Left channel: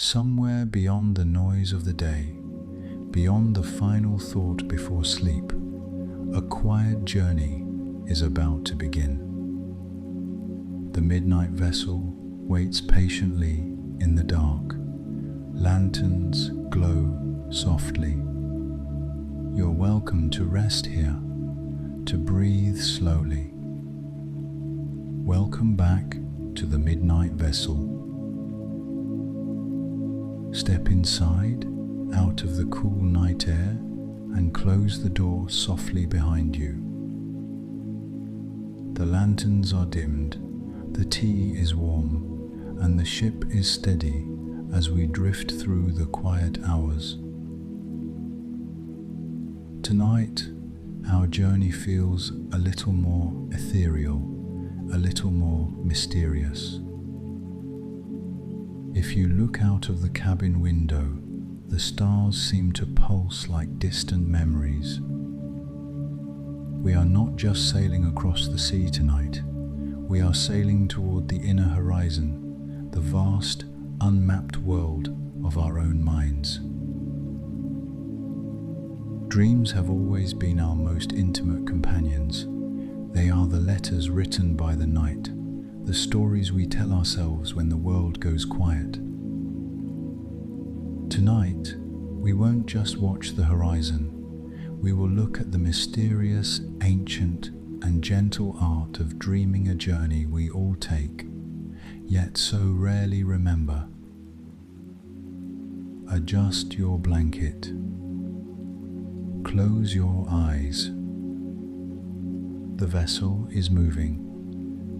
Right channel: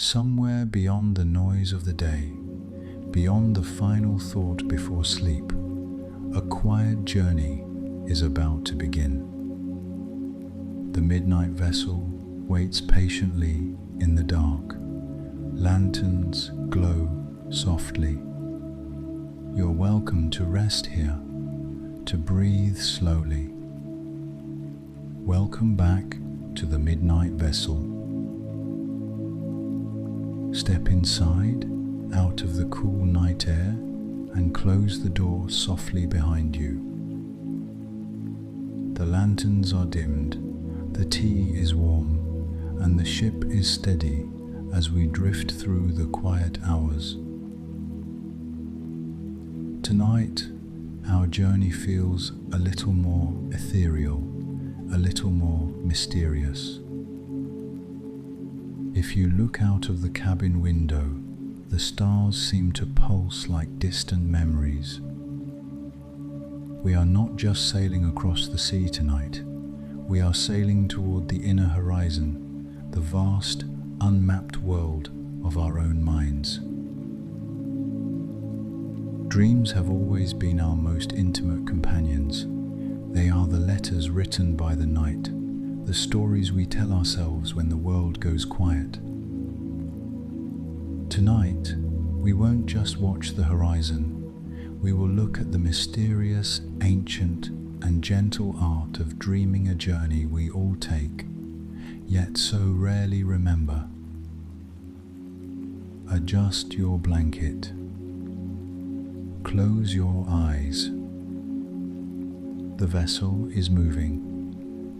somewhere beyond the noise of the day, beyond the final thought before sleep, a quiet journey is about to begin. The midnight vessel waits patiently in the dark. Lanterns glow softly. You're welcome to rest here, to breathe slowly. Welcome back to the midnight vessel. Step inside, out of the cool night air, and close the door softly behind you. The lanterns are dimmed, the tea is warm, and the ship is steady as we drift through the quiet hours. Tonight, our journey feels a little more ethereal, a little more mysterious. If you look out of the cabin window, the stars seem to pulse like distant memories. We are not just sailing across the sea tonight. We are sailing toward the inner horizon, the vast, unmapped world of our own minds. Dreams have always been our most intimate companions. They are the letters written by the night, the stories we tell ourselves when the world goes quiet. Tonight, we won't just watch the horizon. We will look at the mysterious, ancient, and gentle art of dreaming, a journey we all take, yet so rarely remember. Adjust your blanket. Close your eyes. The vessel is moving,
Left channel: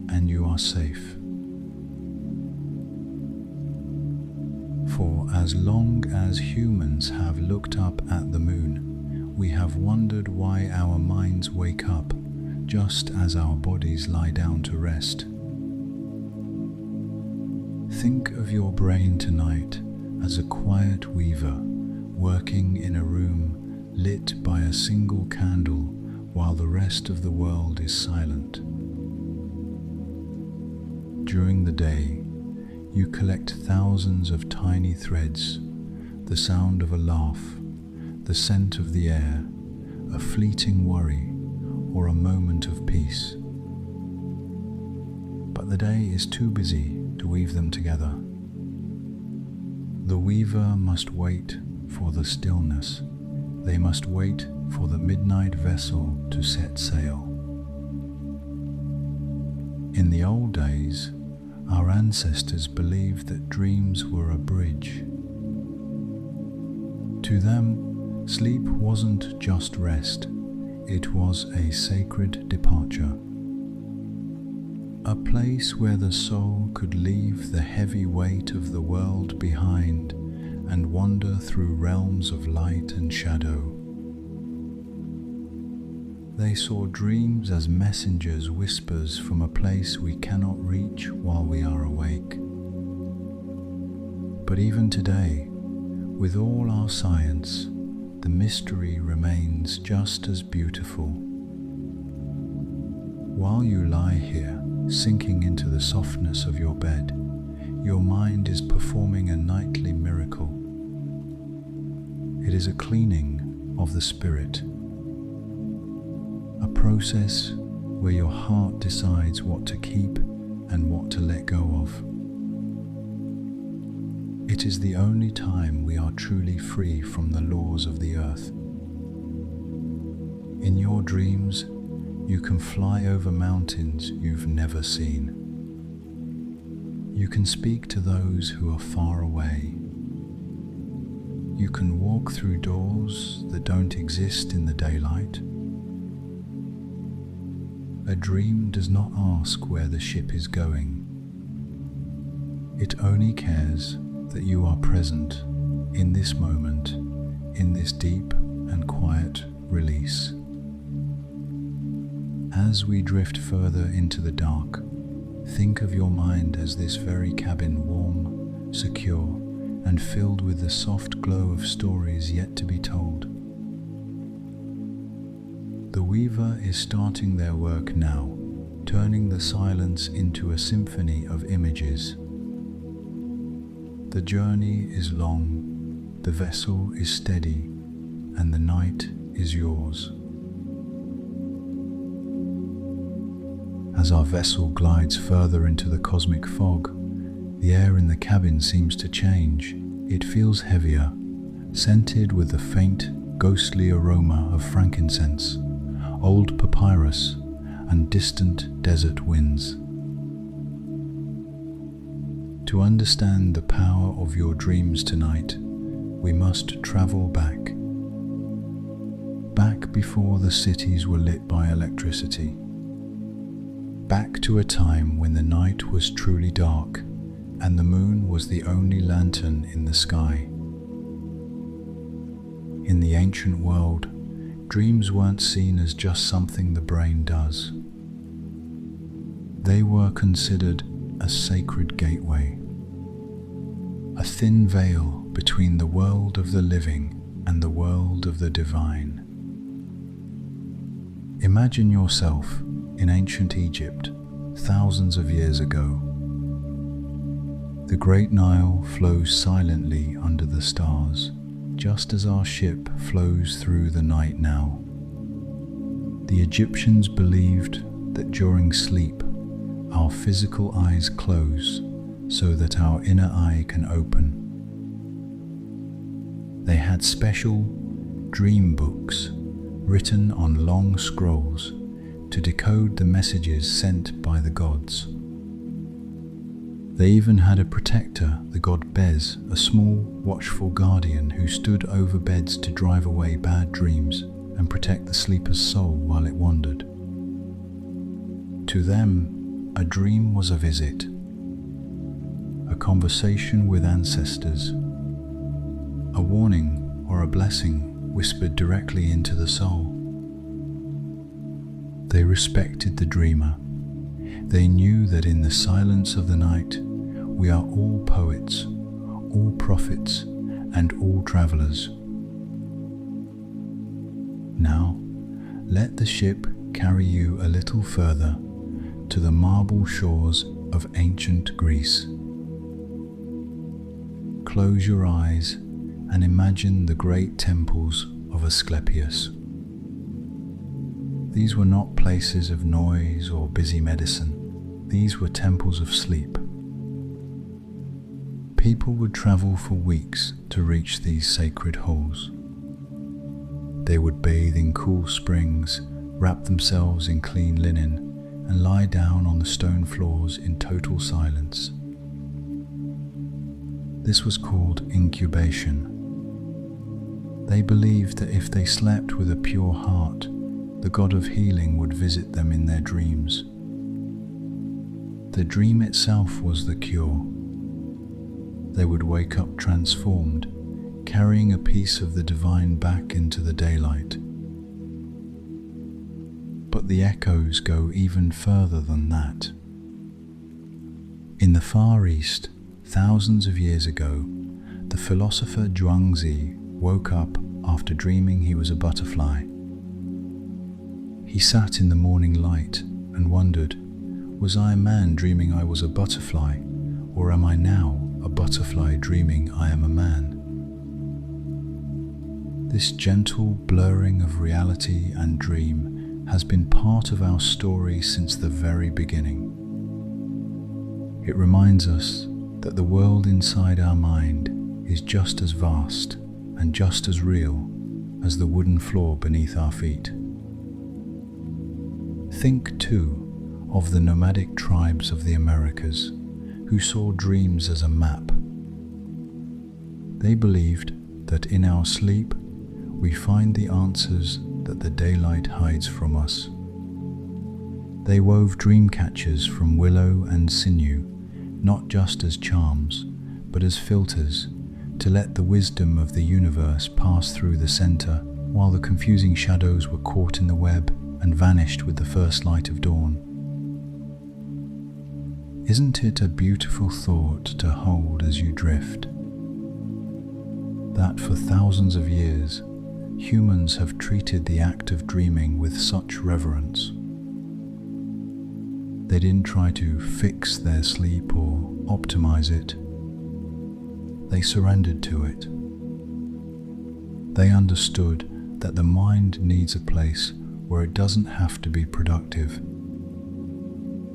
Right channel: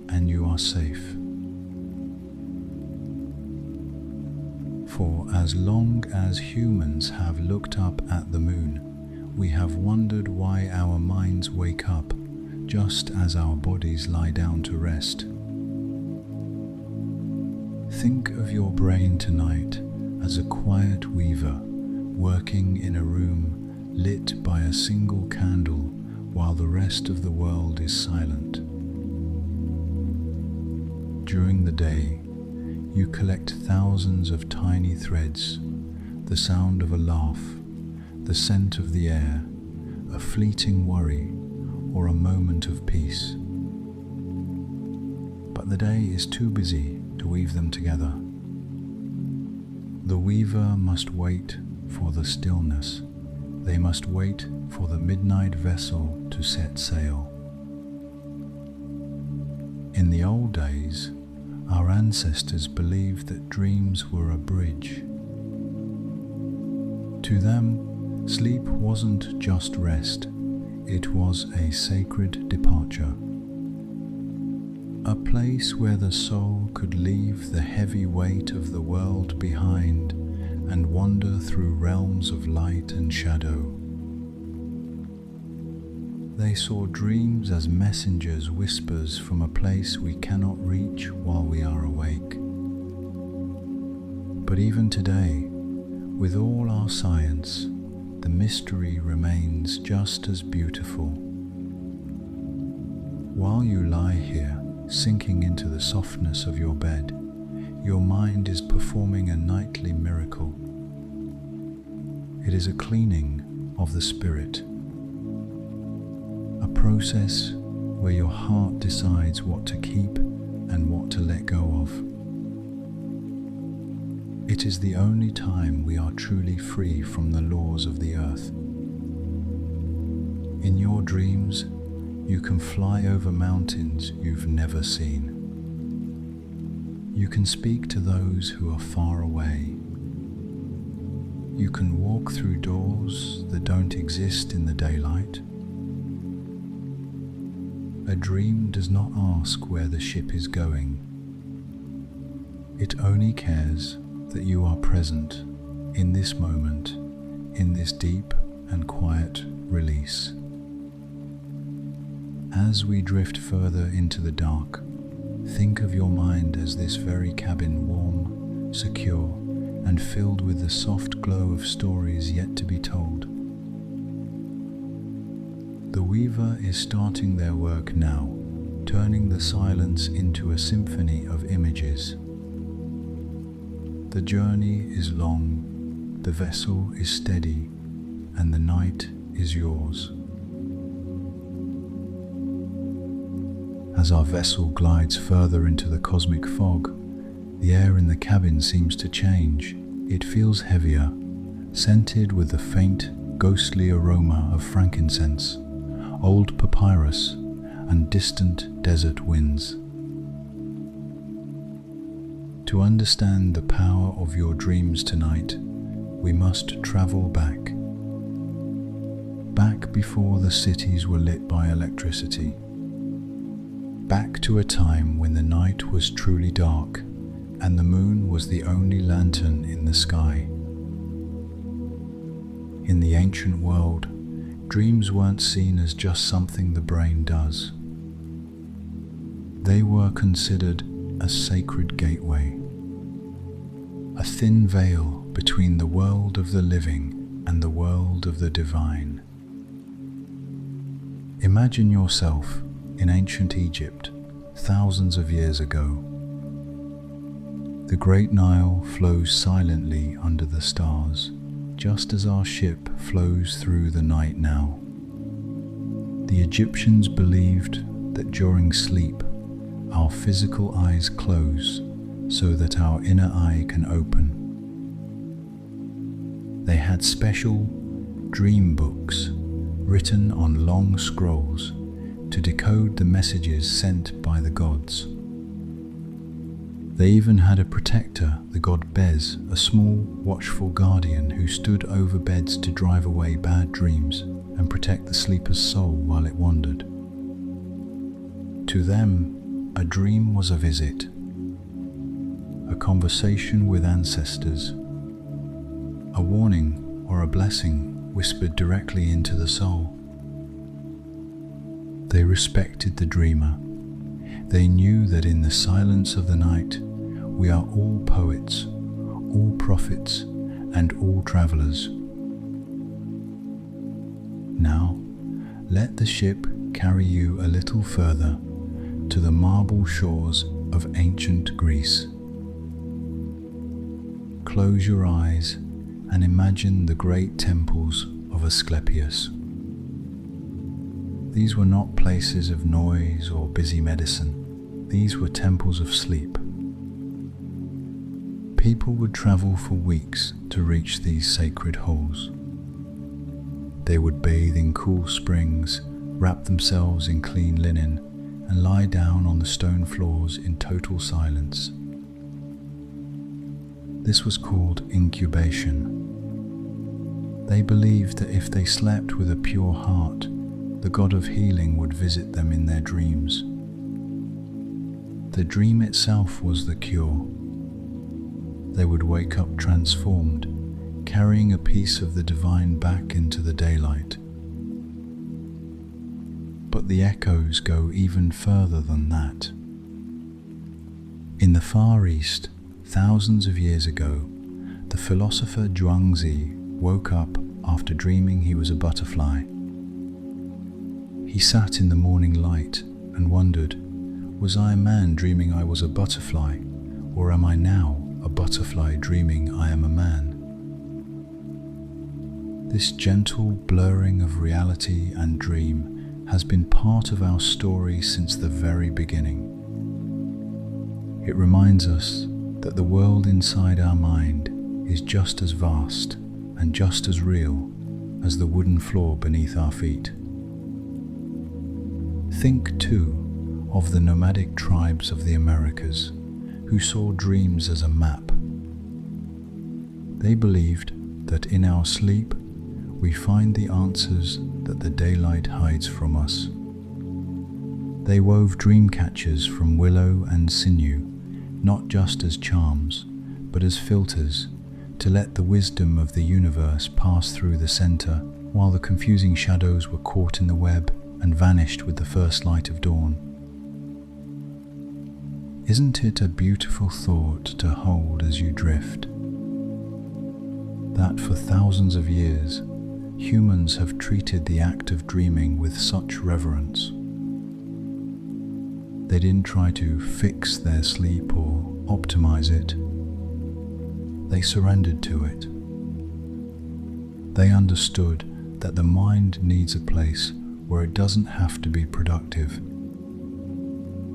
and you are safe. For as long as humans have looked up at the moon, we have wondered why our minds wake up just as our bodies lie down to rest. Think of your brain tonight as a quiet weaver working in a room lit by a single candle while the rest of the world is silent. During the day, you collect thousands of tiny threads, the sound of a laugh, the scent of the air, a fleeting worry, or a moment of peace. But the day is too busy to weave them together. The weaver must wait for the stillness. They must wait for the midnight vessel to set sail. In the old days, our ancestors believed that dreams were a bridge. To them, sleep wasn't just rest, it was a sacred departure. A place where the soul could leave the heavy weight of the world behind and wander through realms of light and shadow. They saw dreams as messengers, whispers from a place we cannot reach while we are awake. But even today, with all our science, the mystery remains just as beautiful. While you lie here, sinking into the softness of your bed, your mind is performing a nightly miracle. It is a cleaning of the spirit, a process where your heart decides what to keep and what to let go of. It is the only time we are truly free from the laws of the earth. In your dreams, you can fly over mountains you've never seen. You can speak to those who are far away. You can walk through doors that don't exist in the daylight. A dream does not ask where the ship is going. It only cares that you are present in this moment, in this deep and quiet release. As we drift further into the dark, think of your mind as this very cabin, warm, secure, and filled with the soft glow of stories yet to be told. The weaver is starting their work now, turning the silence into a symphony of images. The journey is long, the vessel is steady, and the night is yours. As our vessel glides further into the cosmic fog, the air in the cabin seems to change. It feels heavier, scented with the faint, ghostly aroma of frankincense, old papyrus, and distant desert winds. To understand the power of your dreams tonight, we must travel back. Back before the cities were lit by electricity. Back to a time when the night was truly dark and the moon was the only lantern in the sky. In the ancient world, dreams weren't seen as just something the brain does. They were considered a sacred gateway, a thin veil between the world of the living and the world of the divine. Imagine yourself in ancient Egypt, thousands of years ago. The great Nile flows silently under the stars, just as our ship flows through the night now. The Egyptians believed that during sleep, our physical eyes close so that our inner eye can open. They had special dream books written on long scrolls to decode the messages sent by the gods. They even had a protector, the god Bez, a small, watchful guardian who stood over beds to drive away bad dreams and protect the sleeper's soul while it wandered. To them, a dream was a visit, a conversation with ancestors, a warning or a blessing whispered directly into the soul. They respected the dreamer. They knew that in the silence of the night, we are all poets, all prophets, and all travelers. Now, let the ship carry you a little further to the marble shores of ancient Greece. Close your eyes and imagine the great temples of Asclepius. These were not places of noise or busy medicine. These were temples of sleep. People would travel for weeks to reach these sacred halls. They would bathe in cool springs, wrap themselves in clean linen, and lie down on the stone floors in total silence. This was called incubation. They believed that if they slept with a pure heart, the god of healing would visit them in their dreams. The dream itself was the cure. They would wake up transformed, carrying a piece of the divine back into the daylight. But the echoes go even further than that. In the Far East, thousands of years ago, the philosopher Zhuangzi woke up after dreaming he was a butterfly. He sat in the morning light and wondered, was I a man dreaming I was a butterfly, or am I now a butterfly dreaming I am a man? This gentle blurring of reality and dream has been part of our story since the very beginning. It reminds us that the world inside our mind is just as vast and just as real as the wooden floor beneath our feet. Think, too, of the nomadic tribes of the Americas who saw dreams as a map. They believed that in our sleep we find the answers that the daylight hides from us. They wove dream catchers from willow and sinew, not just as charms, but as filters to let the wisdom of the universe pass through the center, while the confusing shadows were caught in the web and vanished with the first light of dawn. Isn't it a beautiful thought to hold as you drift? That for thousands of years, humans have treated the act of dreaming with such reverence. They didn't try to fix their sleep or optimize it. they surrendered to it. They understood that the mind needs a place where it doesn't have to be productive,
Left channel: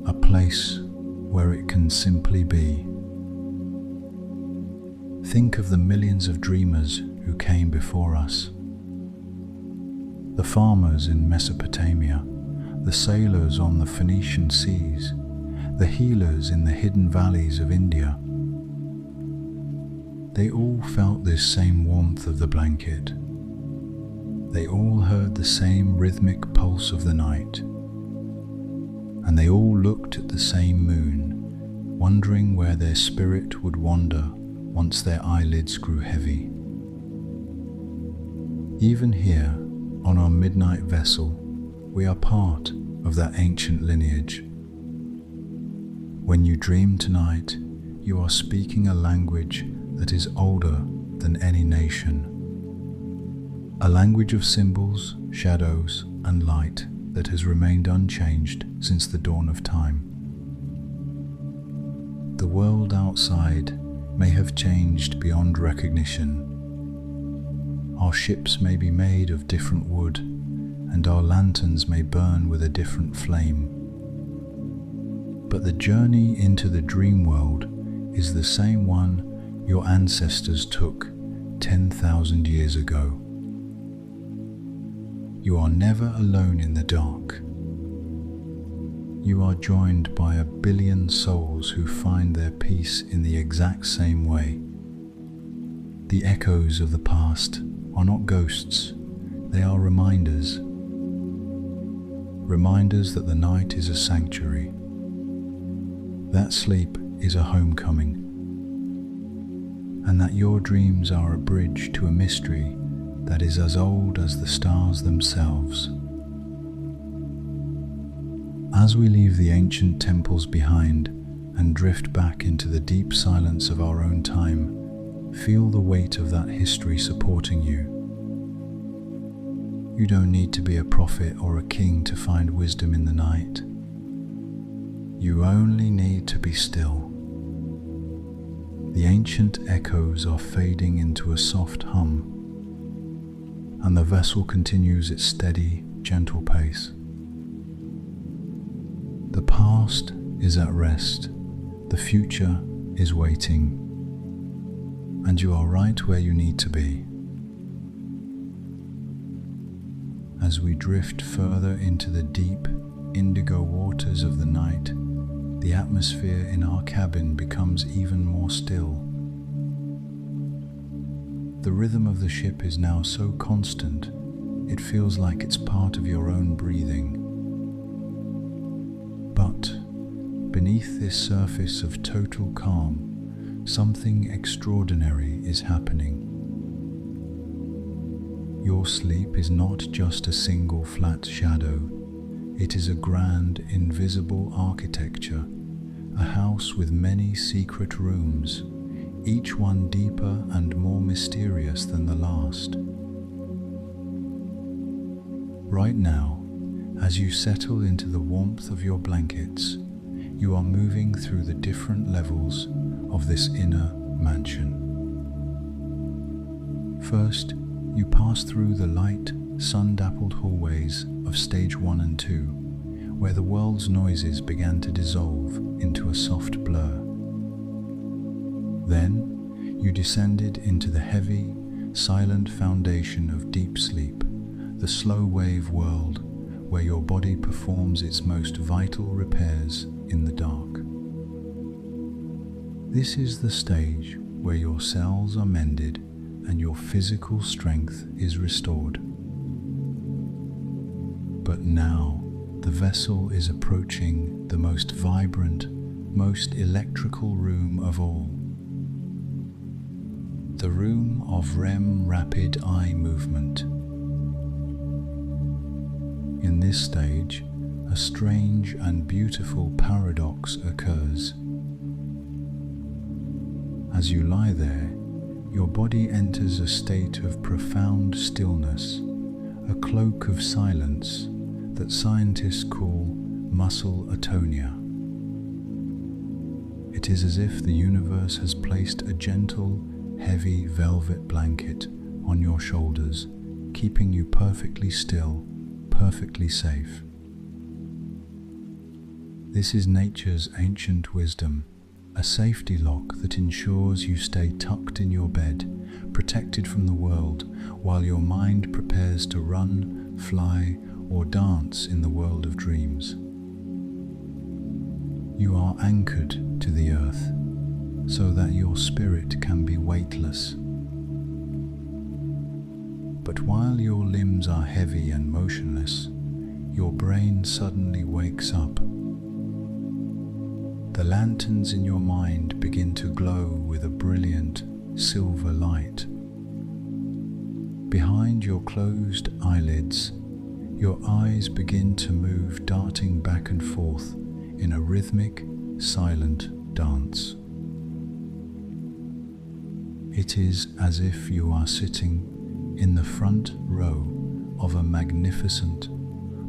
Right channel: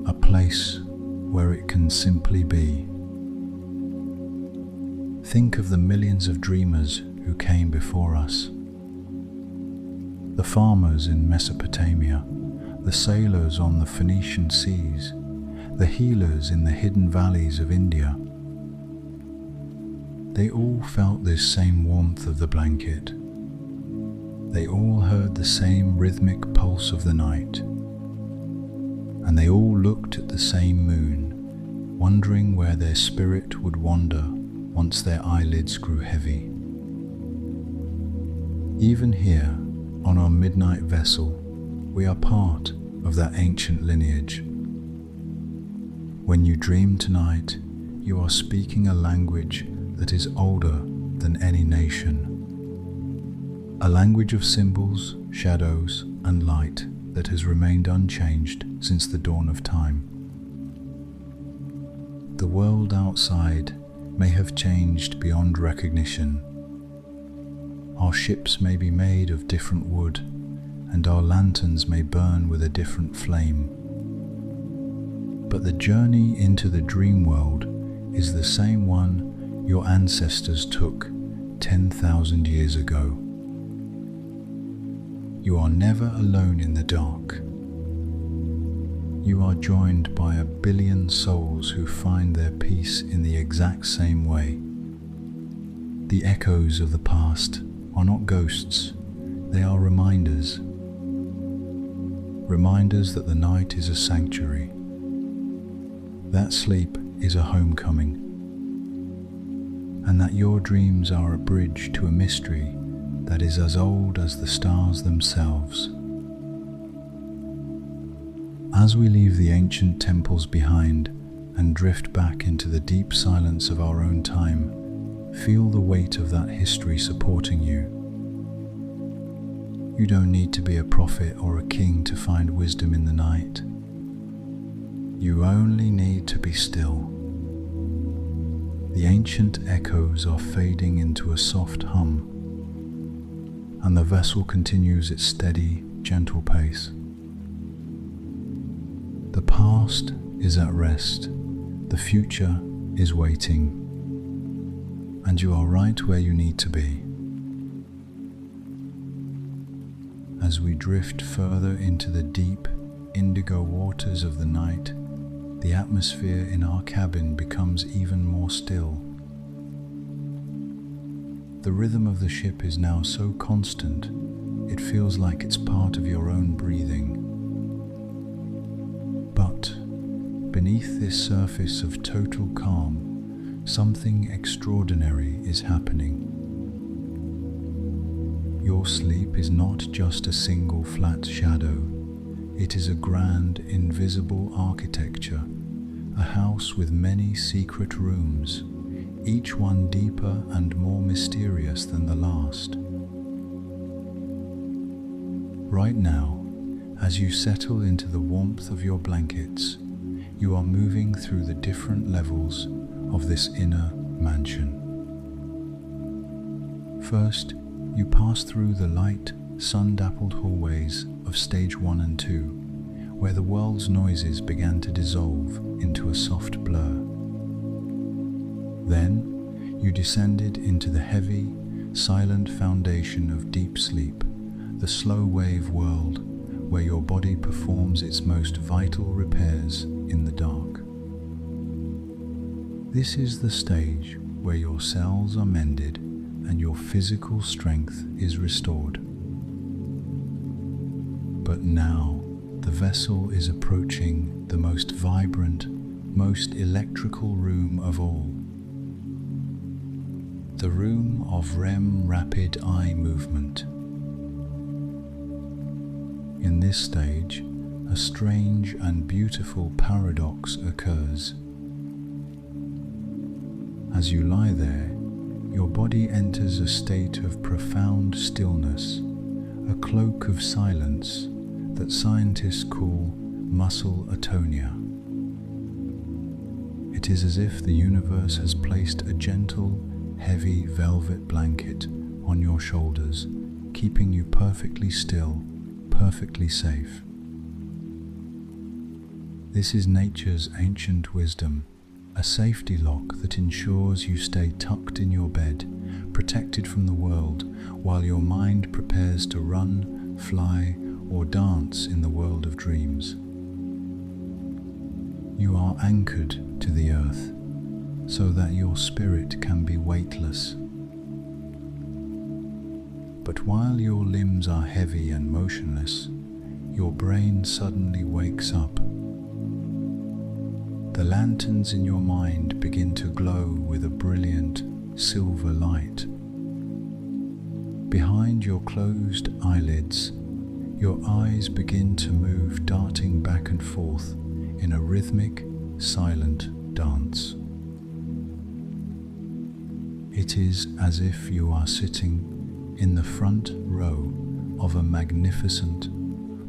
a place where it can simply be. Think of the millions of dreamers who came before us. The farmers in Mesopotamia, the sailors on the Phoenician seas, the healers in the hidden valleys of India. They all felt this same warmth of the blanket. They all heard the same rhythmic pulse of the night. And they all looked at the same moon, wondering where their spirit would wander once their eyelids grew heavy. Even here, on our midnight vessel, we are part of that ancient lineage. When you dream tonight, you are speaking a language that is older than any nation. A language of symbols, shadows, and light that has remained unchanged since the dawn of time. The world outside may have changed beyond recognition. Our ships may be made of different wood, and our lanterns may burn with a different flame. But the journey into the dream world is the same one your ancestors took 10,000 years ago. You are never alone in the dark. You are joined by 1 billion souls who find their peace in the exact same way. The echoes of the past are not ghosts, they are reminders. Reminders that the night is a sanctuary. That sleep is a homecoming. And that your dreams are a bridge to a mystery that is as old as the stars themselves. As we leave the ancient temples behind and drift back into the deep silence of our own time, feel the weight of that history supporting you. You don't need to be a prophet or a king to find wisdom in the night. You only need to be still. The ancient echoes are fading into a soft hum, and the vessel continues its steady, gentle pace. The past is at rest, the future is waiting, and you are right where you need to be. As we drift further into the deep, indigo waters of the night, the atmosphere in our cabin becomes even more still. The rhythm of the ship is now so constant, it feels like it's part of your own breathing. But beneath this surface of total calm, something extraordinary is happening. Your sleep is not just a single flat shadow, it is a grand, invisible architecture, a house with many secret rooms, each one deeper and more mysterious than the last. Right now, as you settle into the warmth of your blankets, you are moving through the different levels of this inner mansion. First, you pass through the light, sun-dappled hallways of stage 1 and 2, where the world's noises began to dissolve into a soft blur. Then, you descended into the heavy, silent foundation of deep sleep, the slow-wave world where your body performs its most vital repairs in the dark. This is the stage where your cells are mended and your physical strength is restored. But now, the vessel is approaching the most vibrant, most electrical room of all. The room of REM, rapid eye movement. In this stage, a strange and beautiful paradox occurs. As you lie there, your body enters a state of profound stillness, a cloak of silence that scientists call muscle atonia. It is as if the universe has placed a gentle, heavy velvet blanket on your shoulders, keeping you perfectly still, perfectly safe. This is nature's ancient wisdom, a safety lock that ensures you stay tucked in your bed, protected from the world, while your mind prepares to run, fly, or dance in the world of dreams. You are anchored to the earth, so that your spirit can be weightless. But while your limbs are heavy and motionless, your brain suddenly wakes up. The lanterns in your mind begin to glow with a brilliant silver light. Behind your closed eyelids, your eyes begin to move, darting back and forth in a rhythmic, silent dance. It is as if you are sitting in the front row of a magnificent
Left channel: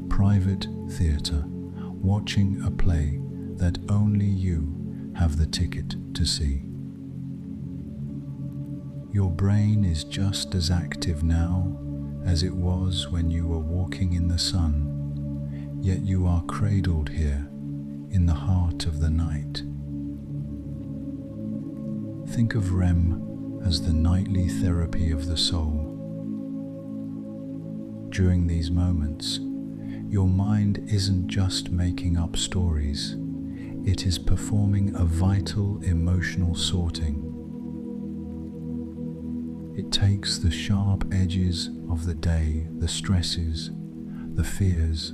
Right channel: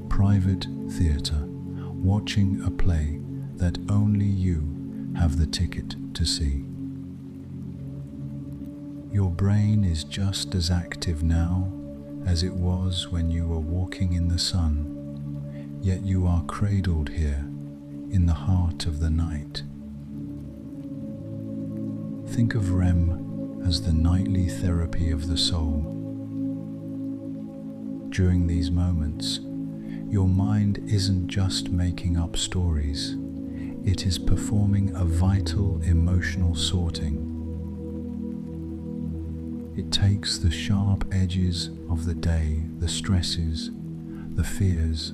private theatre, watching a play that only you have the ticket to see. Your brain is just as active now as it was when you were walking in the sun, yet you are cradled here in the heart of the night. Think of REM as the nightly therapy of the soul. During these moments, your mind isn't just making up stories, it is performing a vital emotional sorting. It takes the sharp edges of the day, the stresses, the fears,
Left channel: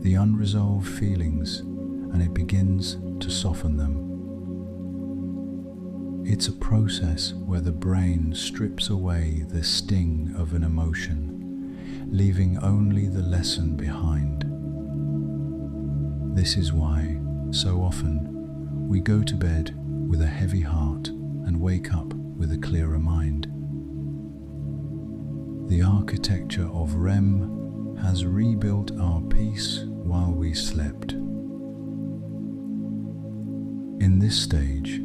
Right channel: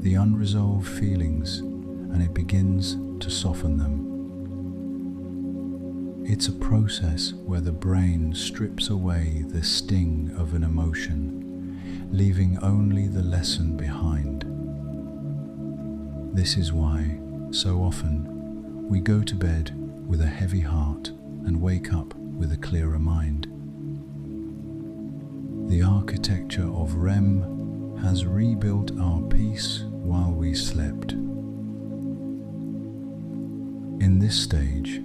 the unresolved feelings, and it begins to soften them. It's a process where the brain strips away the sting of an emotion, leaving only the lesson behind. This is why, so often, we go to bed with a heavy heart and wake up with a clearer mind. The architecture of REM has rebuilt our peace while we slept. In this stage,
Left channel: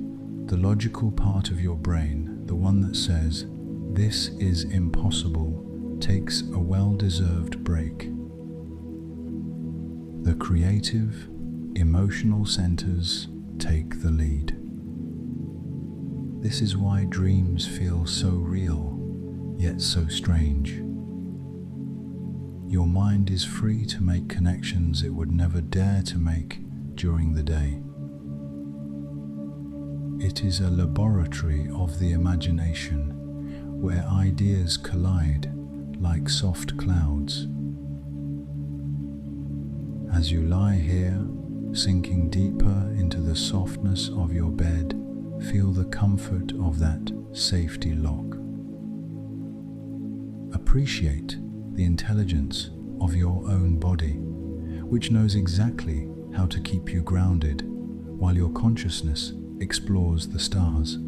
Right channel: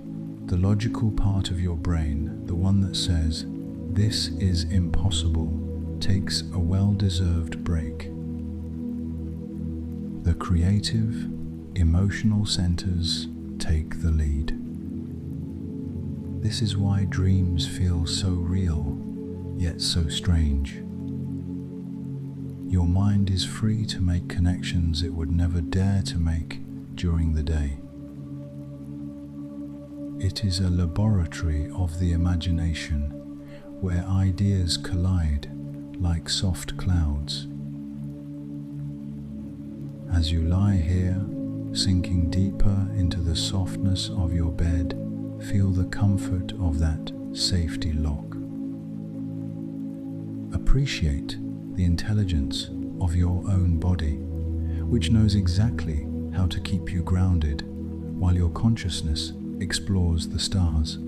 the logical part of your brain, the one that says, "This is impossible," takes a well-deserved break. The creative, emotional centers take the lead. This is why dreams feel so real, yet so strange. Your mind is free to make connections it would never dare to make during the day. It is a laboratory of the imagination where ideas collide like soft clouds. As you lie here, sinking deeper into the softness of your bed, feel the comfort of that safety lock. Appreciate the intelligence of your own body, which knows exactly how to keep you grounded while your consciousness explores the stars.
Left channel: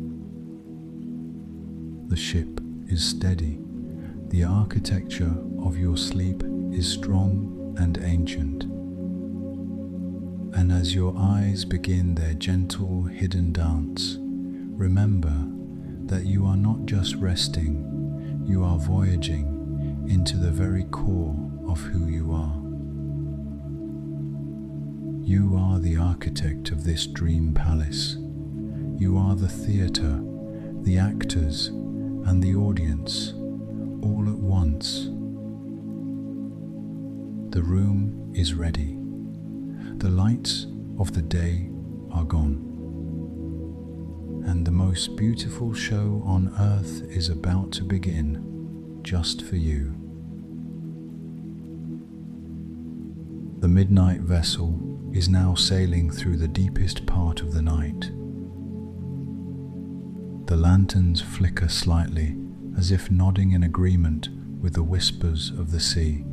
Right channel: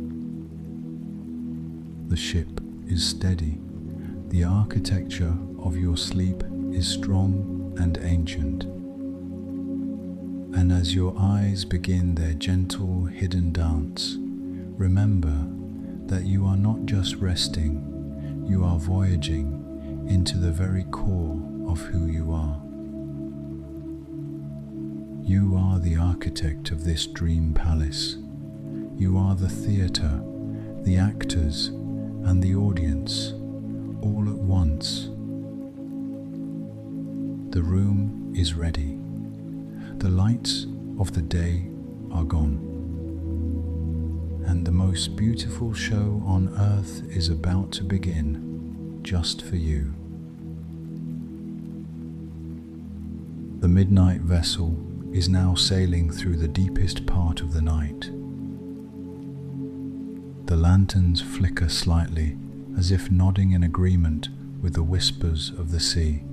The ship is steady. The architecture of your sleep is strong and ancient. And as your eyes begin their gentle, hidden dance, remember that you are not just resting, you are voyaging into the very core of who you are. You are the architect of this dream palace. You are the theatre, the actors, and the audience, all at once. The room is ready. The lights of the day are gone. And the most beautiful show on earth is about to begin, just for you. The midnight vessel is now sailing through the deepest part of the night. The lanterns flicker slightly, as if nodding in agreement with the whispers of the sea.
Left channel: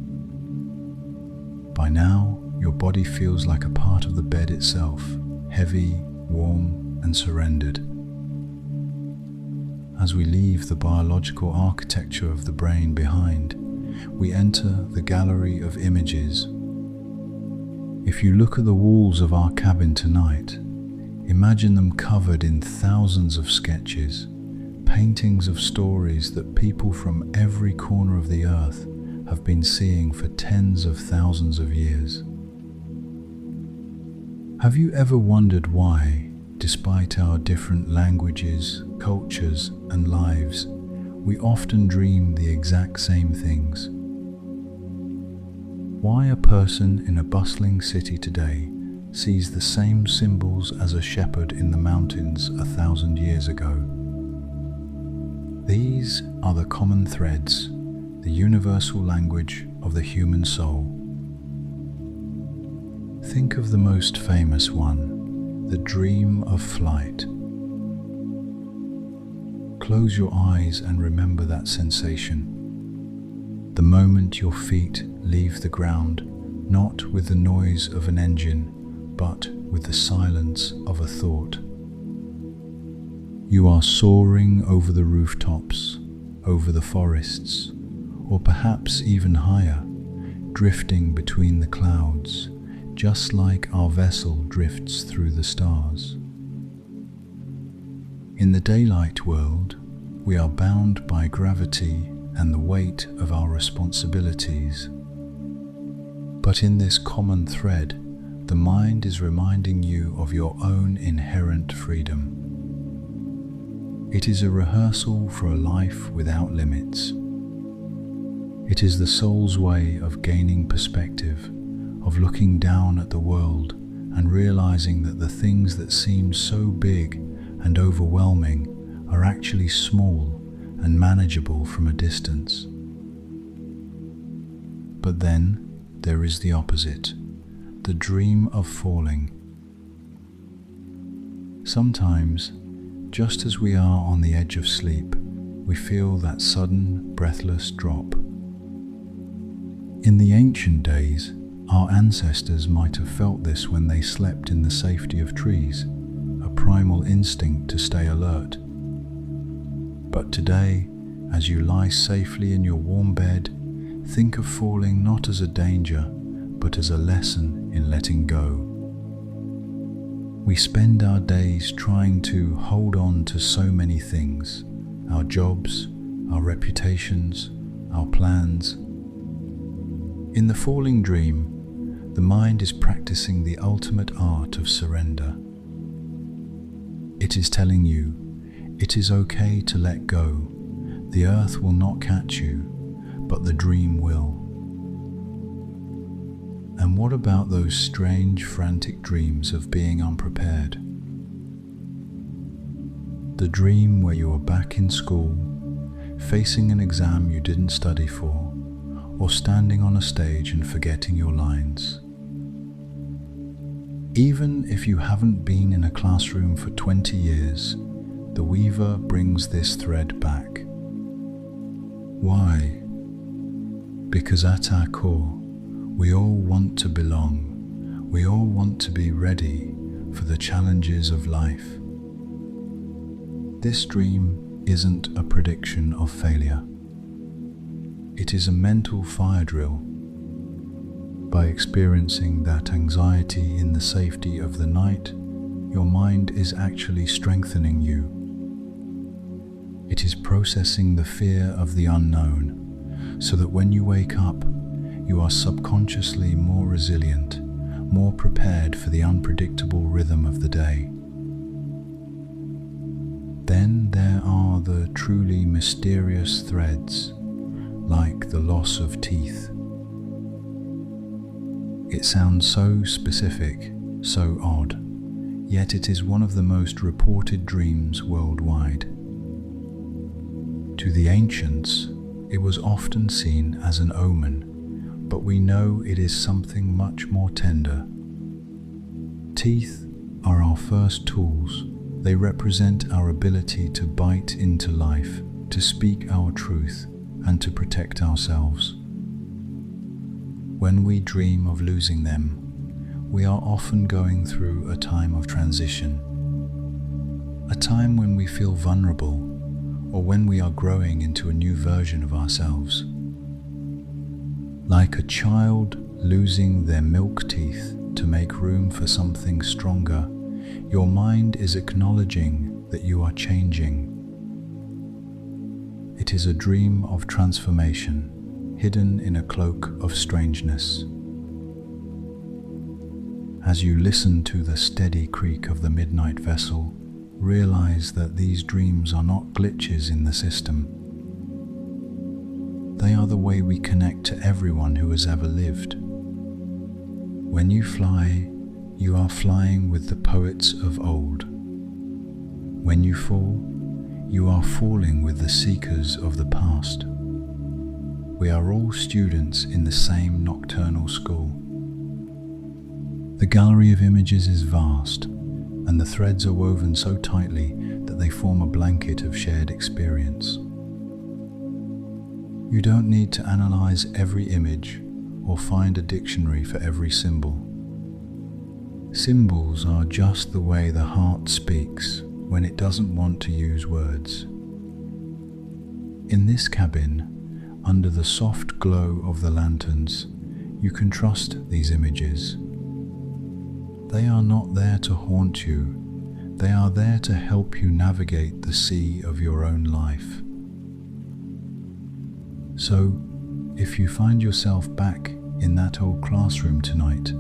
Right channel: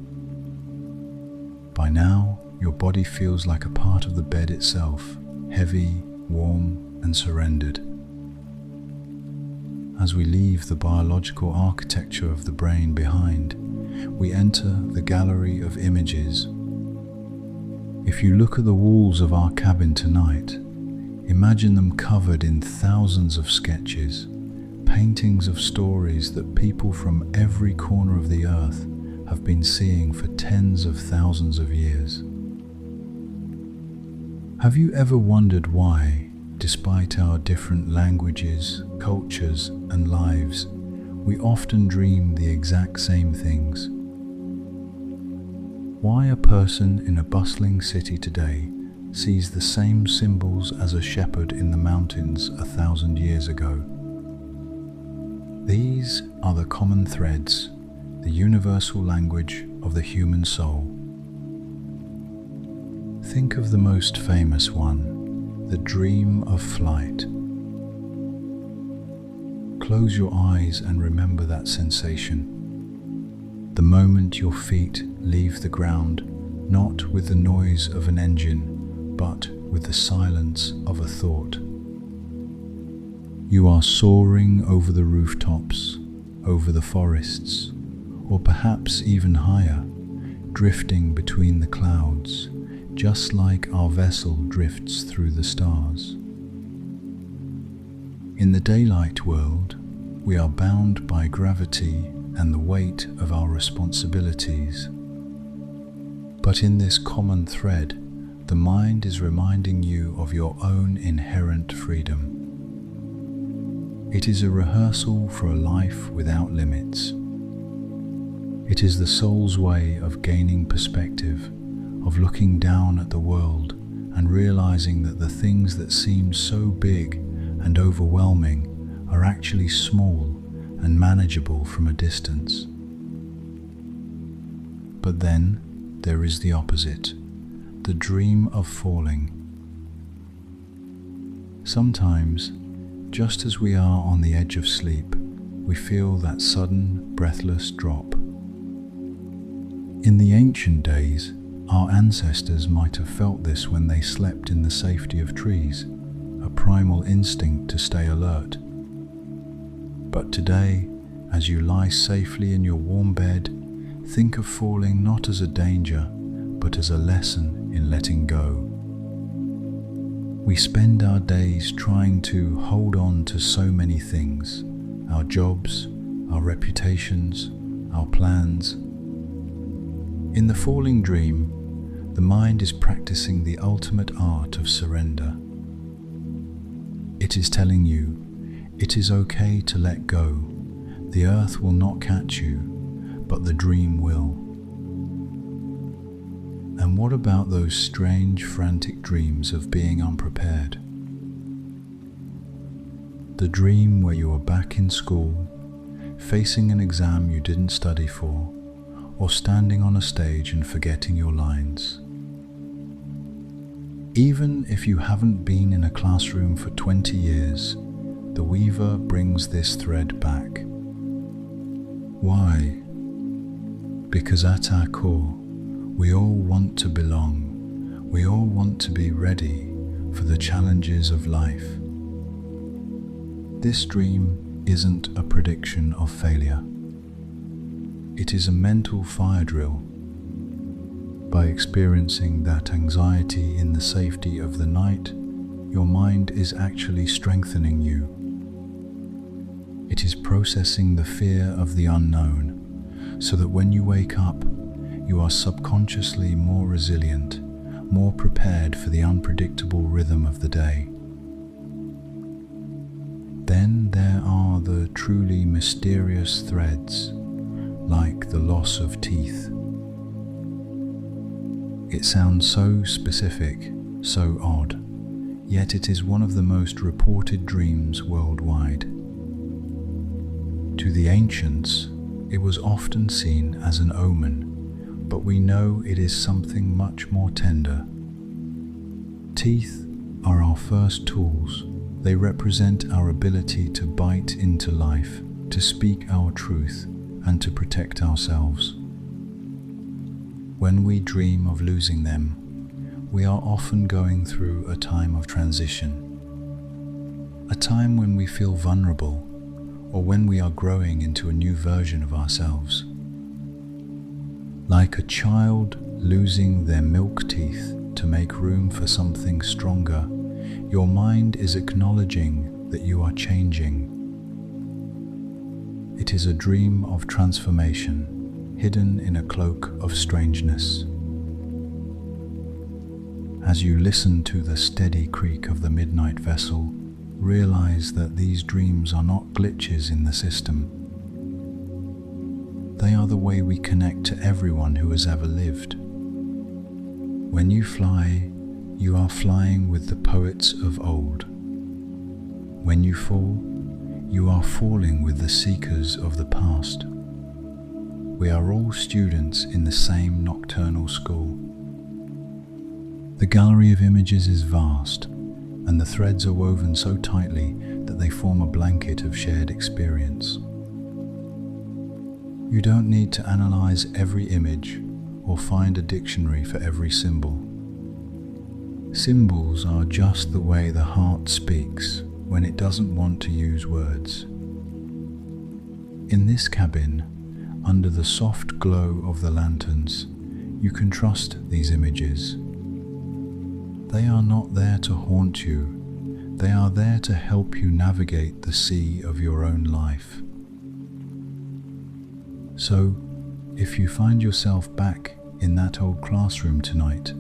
By now, your body feels like a part of the bed itself, heavy, warm, and surrendered. As we leave the biological architecture of the brain behind, we enter the gallery of images. If you look at the walls of our cabin tonight, imagine them covered in thousands of sketches, paintings of stories that people from every corner of the earth have been seeing for tens of thousands of years. Have you ever wondered why, despite our different languages, cultures, and lives, we often dream the exact same things? Why a person in a bustling city today sees the same symbols as a shepherd in the mountains 1,000 years ago? These are the common threads, the universal language of the human soul. Think of the most famous one, the dream of flight. Close your eyes and remember that sensation. The moment your feet leave the ground, not with the noise of an engine, but with the silence of a thought. You are soaring over the rooftops, over the forests, or perhaps even higher, drifting between the clouds, just like our vessel drifts through the stars. In the daylight world, we are bound by gravity and the weight of our responsibilities. But in this common thread, the mind is reminding you of your own inherent freedom. It is a rehearsal for a life without limits. It is the soul's way of gaining perspective, of looking down at the world and realizing that the things that seem so big and overwhelming are actually small and manageable from a distance. But then there is the opposite, the dream of falling. Sometimes, just as we are on the edge of sleep, we feel that sudden, breathless drop. In the ancient days, our ancestors might have felt this when they slept in the safety of trees, a primal instinct to stay alert. But today, as you lie safely in your warm bed, think of falling not as a danger, but as a lesson in letting go. We spend our days trying to hold on to so many things, our jobs, our reputations, our plans. In the falling dream, the mind is practicing the ultimate art of surrender. It is telling you, it is okay to let go. The earth will not catch you, but the dream will. And what about those strange, frantic dreams of being unprepared? The dream where you are back in school, facing an exam you didn't study for, or standing on a stage and forgetting your lines. Even if you haven't been in a classroom for 20 years, the weaver brings this thread back. Why? Because at our core, we all want to belong. We all want to be ready for the challenges of life. This dream isn't a prediction of failure. It is a mental fire drill. By experiencing that anxiety in the safety of the night, your mind is actually strengthening you. It is processing the fear of the unknown, so that when you wake up, you are subconsciously more resilient, more prepared for the unpredictable rhythm of the day. Then there are the truly mysterious threads, like the loss of teeth. It sounds so specific, so odd, yet it is one of the most reported dreams worldwide. To the ancients, it was often seen as an omen, but we know it is something much more tender. Teeth are our first tools. They represent our ability to bite into life, to speak our truth, and to protect ourselves. When we dream of losing them, we are often going through a time of transition, a time when we feel vulnerable, or when we are growing into a new version of ourselves. Like a child losing their milk teeth to make room for something stronger, your mind is acknowledging that you are changing. It is a dream of transformation, hidden in a cloak of strangeness. As you listen to the steady creak of the midnight vessel, realize that these dreams are not glitches in the system. They are the way we connect to everyone who has ever lived. When you fly, you are flying with the poets of old. When you fall, you are falling with the seekers of the past. We are all students in the same nocturnal school. The gallery of images is vast, and the threads are woven so tightly that they form a blanket of shared experience. You don't need to analyze every image or find a dictionary for every symbol. Symbols are just the way the heart speaks when it doesn't want to use words. In this cabin, under the soft glow of the lanterns, you can trust these images. They are not there to haunt you, they are there to help you navigate the sea of your own life. So, if you find yourself back in that old classroom tonight,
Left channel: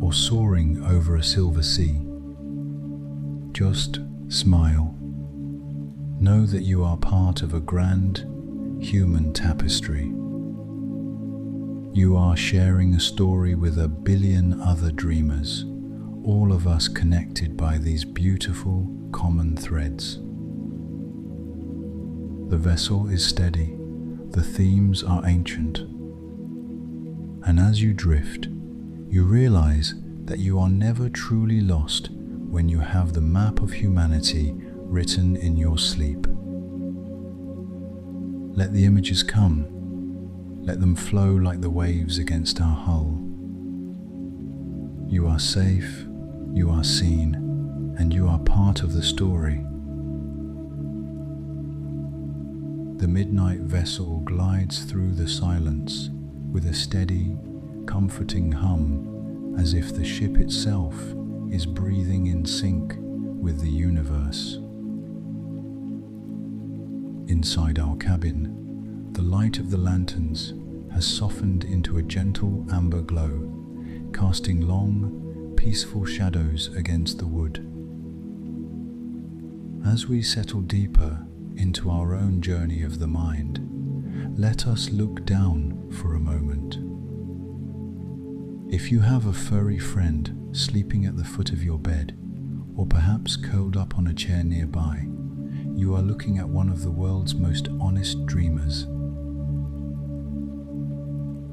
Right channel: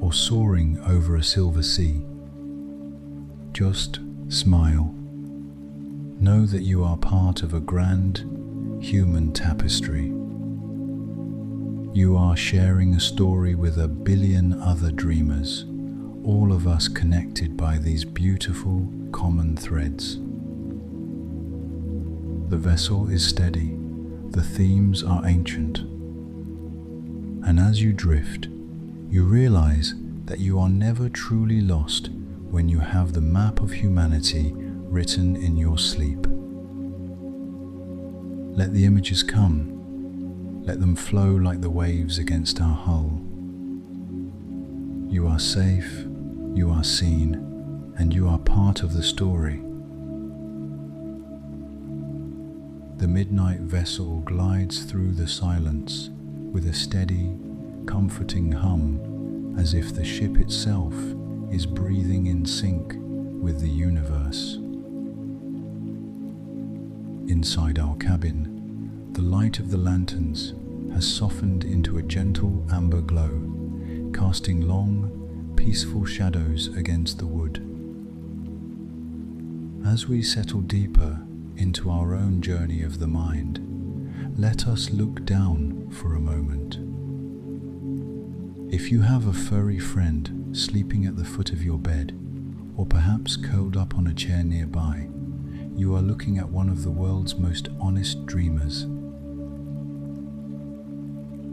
or soaring over a silver sea, just smile. Know that you are part of a grand human tapestry. You are sharing a story with a billion other dreamers, all of us connected by these beautiful common threads. The vessel is steady, the themes are ancient, and as you drift, you realize that you are never truly lost when you have the map of humanity written in your sleep. Let the images come. Let them flow like the waves against our hull. You are safe, you are seen, and you are part of the story. The midnight vessel glides through the silence with a steady, comforting hum, as if the ship itself is breathing in sync with the universe. Inside our cabin, the light of the lanterns has softened into a gentle amber glow, casting long, peaceful shadows against the wood. As we settle deeper into our own journey of the mind, let us look down for a moment. If you have a furry friend sleeping at the foot of your bed, or perhaps curled up on a chair nearby, you are looking at one of the world's most honest dreamers.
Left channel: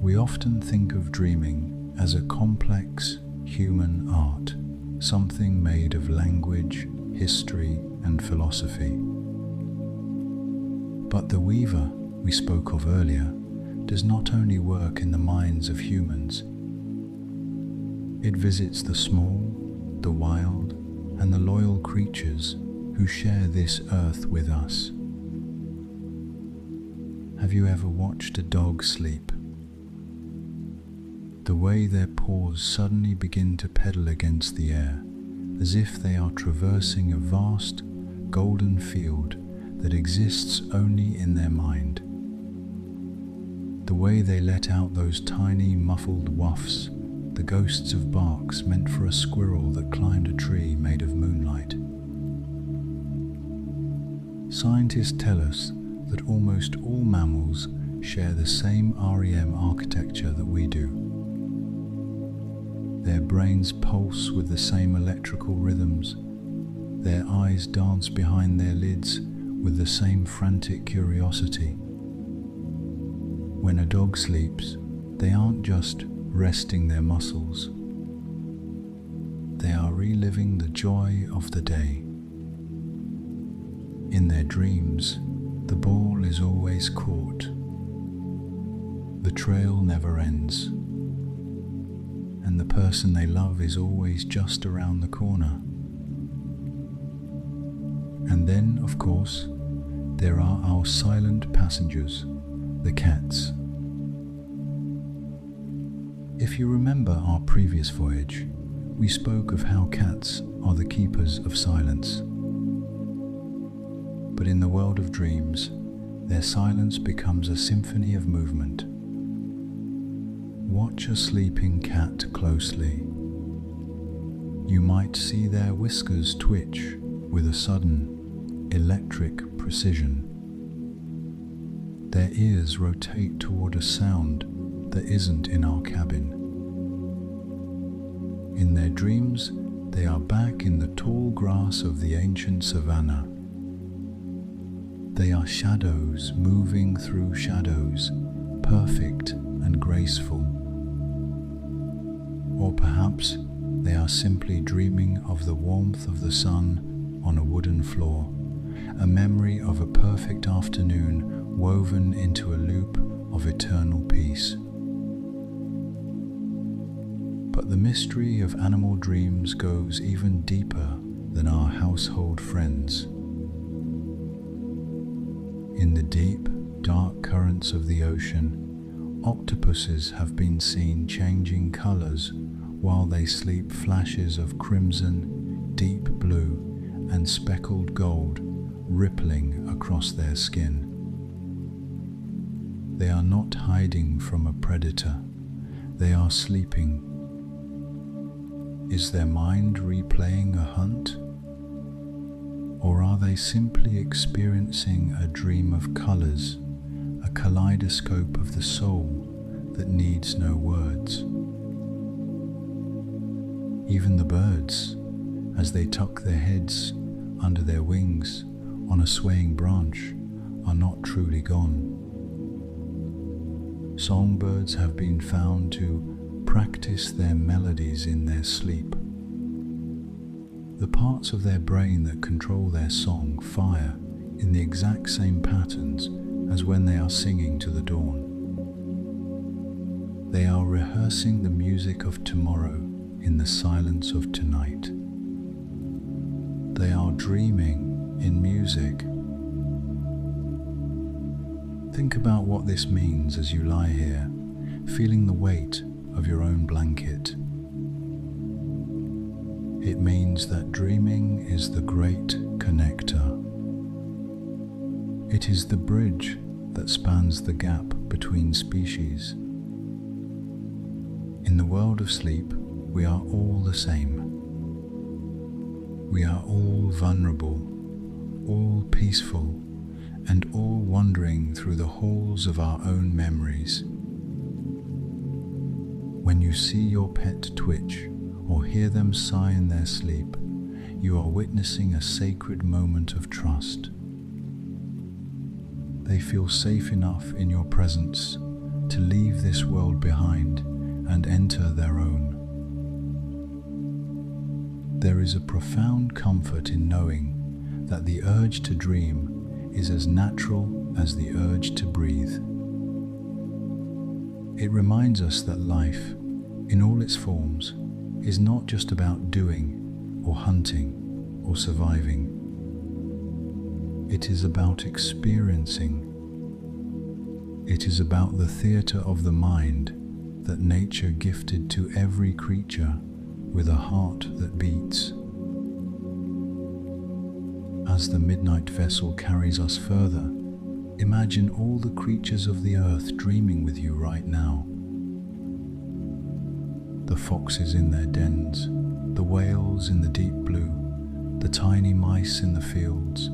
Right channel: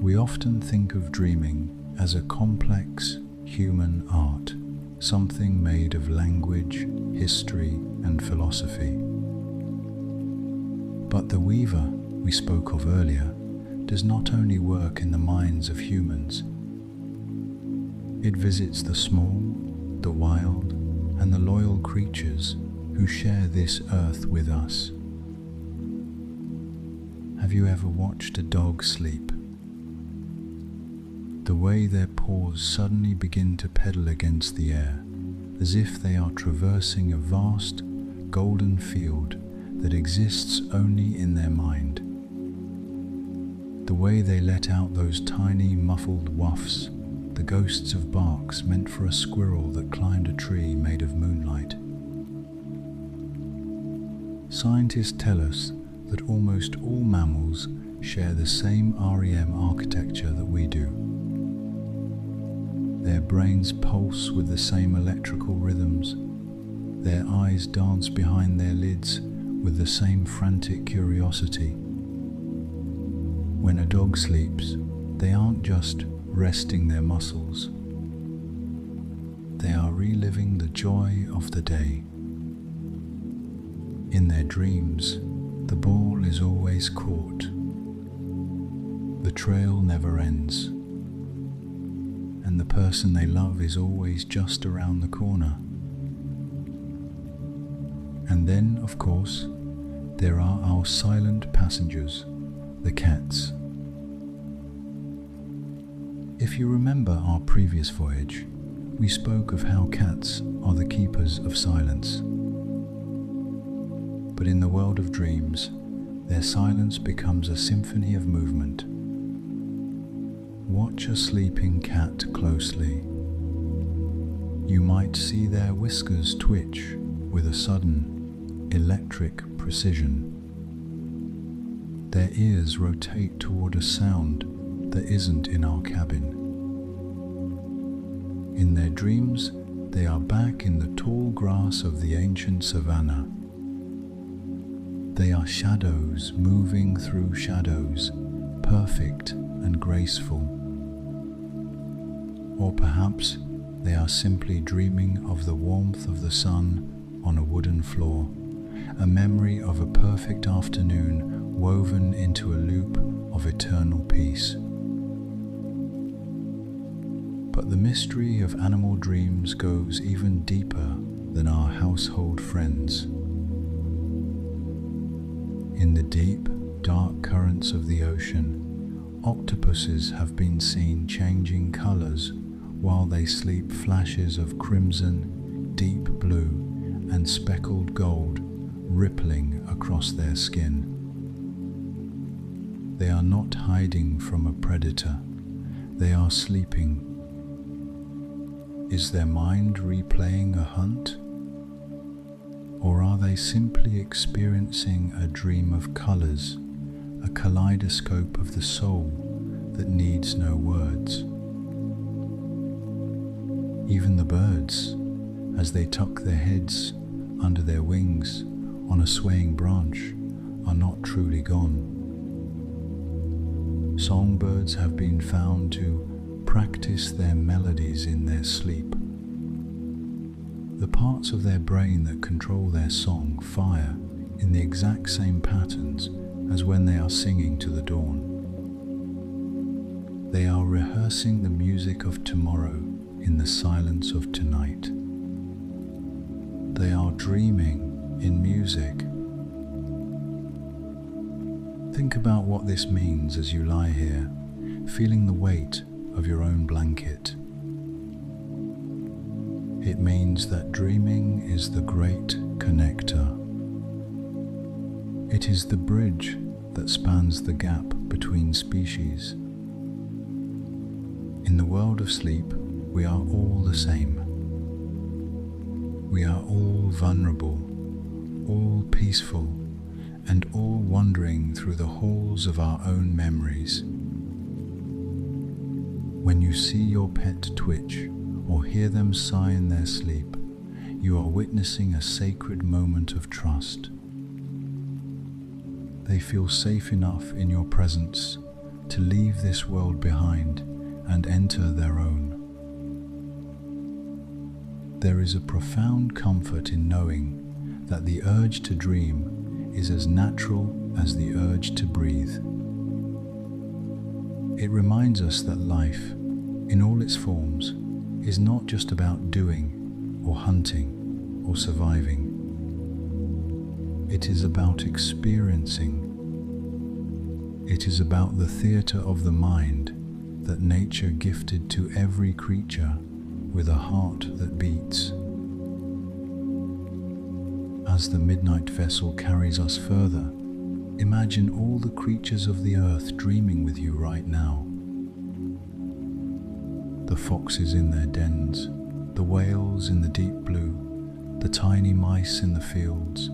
We often think of dreaming as a complex human art, something made of language, history, and philosophy. But the weaver we spoke of earlier does not only work in the minds of humans. It visits the small, the wild, and the loyal creatures who share this earth with us. Have you ever watched a dog sleep? The way their paws suddenly begin to pedal against the air, as if they are traversing a vast, golden field that exists only in their mind. The way they let out those tiny, muffled wafts, the ghosts of barks meant for a squirrel that climbed a tree made of moonlight. Scientists tell us that almost all mammals share the same REM architecture that we do. Their brains pulse with the same electrical rhythms. Their eyes dance behind their lids with the same frantic curiosity. When a dog sleeps, they aren't just resting their muscles. They are reliving the joy of the day. In their dreams, the ball is always caught. The trail never ends. And the person they love is always just around the corner. And then, of course, there are our silent passengers, the cats. If you remember our previous voyage, we spoke of how cats are the keepers of silence. But in the world of dreams, their silence becomes a symphony of movement. Watch a sleeping cat closely. You might see their whiskers twitch with a sudden, electric precision. Their ears rotate toward a sound that isn't in our cabin. In their dreams, they are back in the tall grass of the ancient savanna. They are shadows moving through shadows, perfect and graceful. Or perhaps they are simply dreaming of the warmth of the sun on a wooden floor, a memory of a perfect afternoon woven into a loop of eternal peace. But the mystery of animal dreams goes even deeper than our household friends. In the deep, dark currents of the ocean, octopuses have been seen changing colors while they sleep, flashes of crimson, deep blue, and speckled gold rippling across their skin. They are not hiding from a predator, they are sleeping. Is their mind replaying a hunt? Or are they simply experiencing a dream of colors, a kaleidoscope of the soul that needs no words? Even the birds, as they tuck their heads under their wings on a swaying branch, are not truly gone. Songbirds have been found to practice their melodies in their sleep. The parts of their brain that control their song fire in the exact same patterns as when they are singing to the dawn. They are rehearsing the music of tomorrow in the silence of tonight. They are dreaming in music. Think about what this means as you lie here, feeling the weight of your own blanket. It means that dreaming is the great connector. It is the bridge that spans the gap between species. In the world of sleep, we are all the same. We are all vulnerable, all peaceful, and all wandering through the halls of our own memories. When you see your pet twitch or hear them sigh in their sleep, you are witnessing a sacred moment of trust. They feel safe enough in your presence to leave this world behind and enter their own. There is a profound comfort in knowing that the urge to dream is as natural as the urge to breathe. It reminds us that life, in all its forms, is not just about doing or hunting or surviving. It is about experiencing. It is about the theatre of the mind that nature gifted to every creature with a heart that beats. As the midnight vessel carries us further, imagine all the creatures of the earth dreaming with you right now. The foxes in their dens, the whales in the deep blue, the tiny mice in the fields,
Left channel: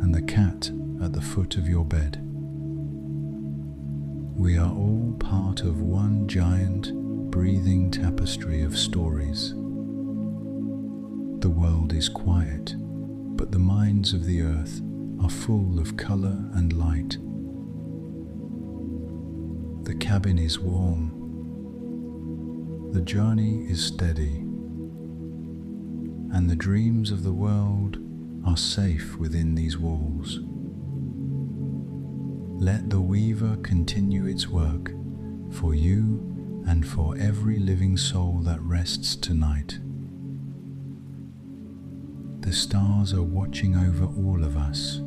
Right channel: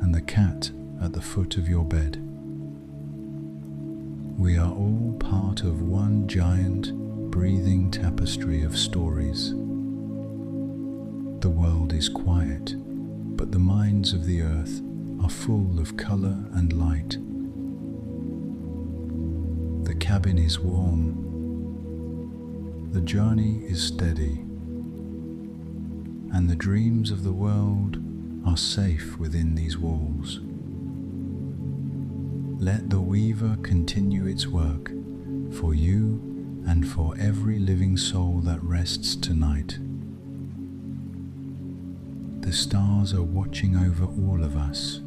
and the cat at the foot of your bed. We are all part of one giant, breathing tapestry of stories. The world is quiet, but the minds of the earth are full of color and light. The cabin is warm. The journey is steady. And the dreams of the world are safe within these walls. Let the weaver continue its work for you and for every living soul that rests tonight. The stars are watching over all of us.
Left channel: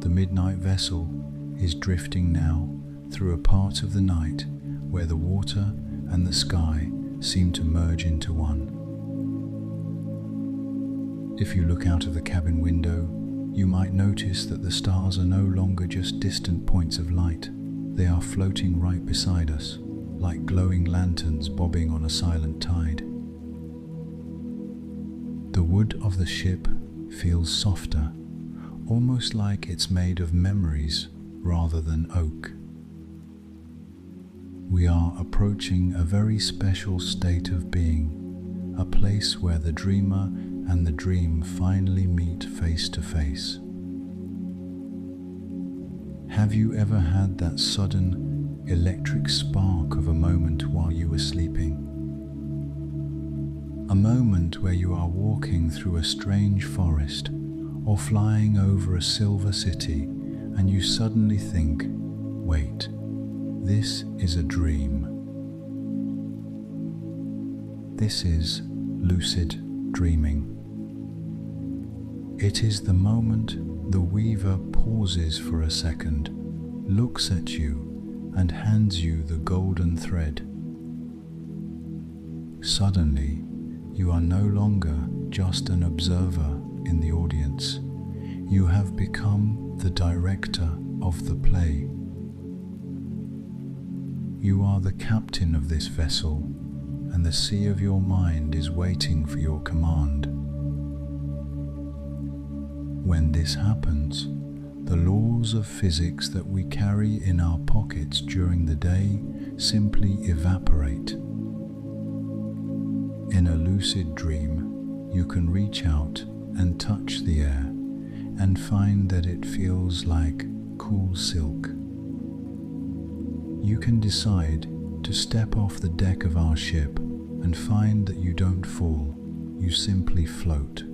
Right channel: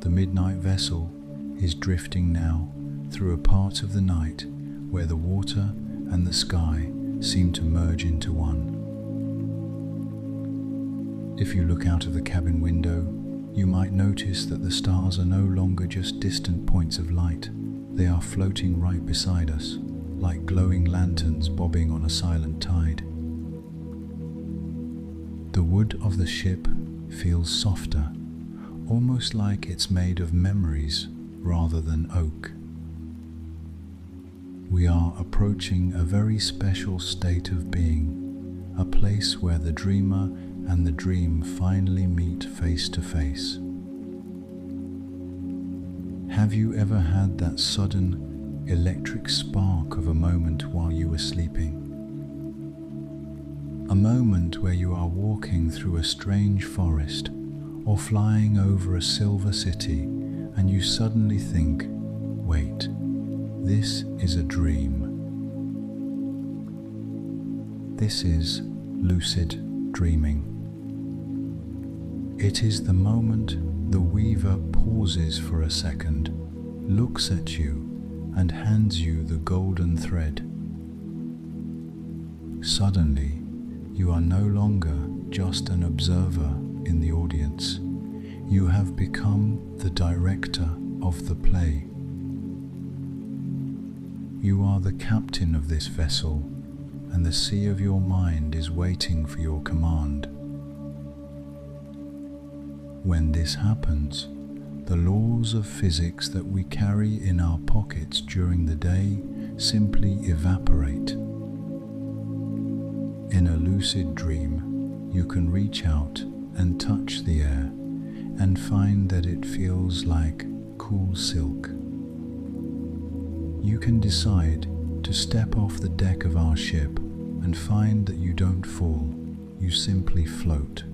The midnight vessel is drifting now through a part of the night where the water and the sky seem to merge into one. If you look out of the cabin window, You might notice that the stars are no longer just distant points of light. They are floating right beside us, like glowing lanterns bobbing on a silent tide. The wood of the ship feels softer, almost like it's made of memories rather than oak. We are approaching a very special state of being, a place where the dreamer and the dream finally meet face to face. Have you ever had that sudden electric spark of a moment while you were sleeping? A moment where you are walking through a strange forest or flying over a silver city and you suddenly think, wait, this is a dream. This is lucid dreaming. It is the moment the weaver pauses for a second, looks at you, and hands you the golden thread. Suddenly, you are no longer just an observer in the audience. You have become the director of the play. You are the captain of this vessel, and the sea of your mind is waiting for your command. When this happens, the laws of physics that we carry in our pockets during the day simply evaporate. In a lucid dream, you can reach out and touch the air and find that it feels like cool silk. You can decide to step off the deck of our ship and find that you don't fall, you simply float.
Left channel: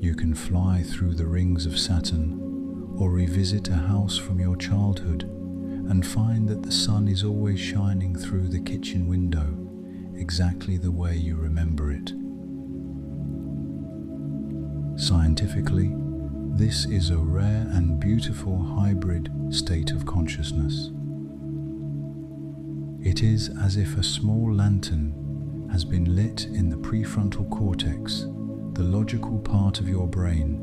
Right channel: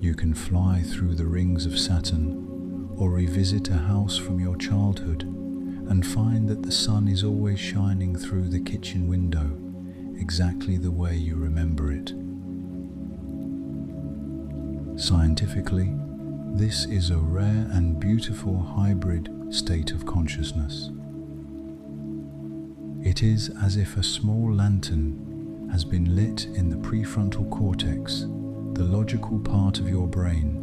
You can fly through the rings of Saturn or revisit a house from your childhood and find that the sun is always shining through the kitchen window exactly the way you remember it. Scientifically, this is a rare and beautiful hybrid state of consciousness. It is as if a small lantern has been lit in the prefrontal cortex, the logical part of your brain,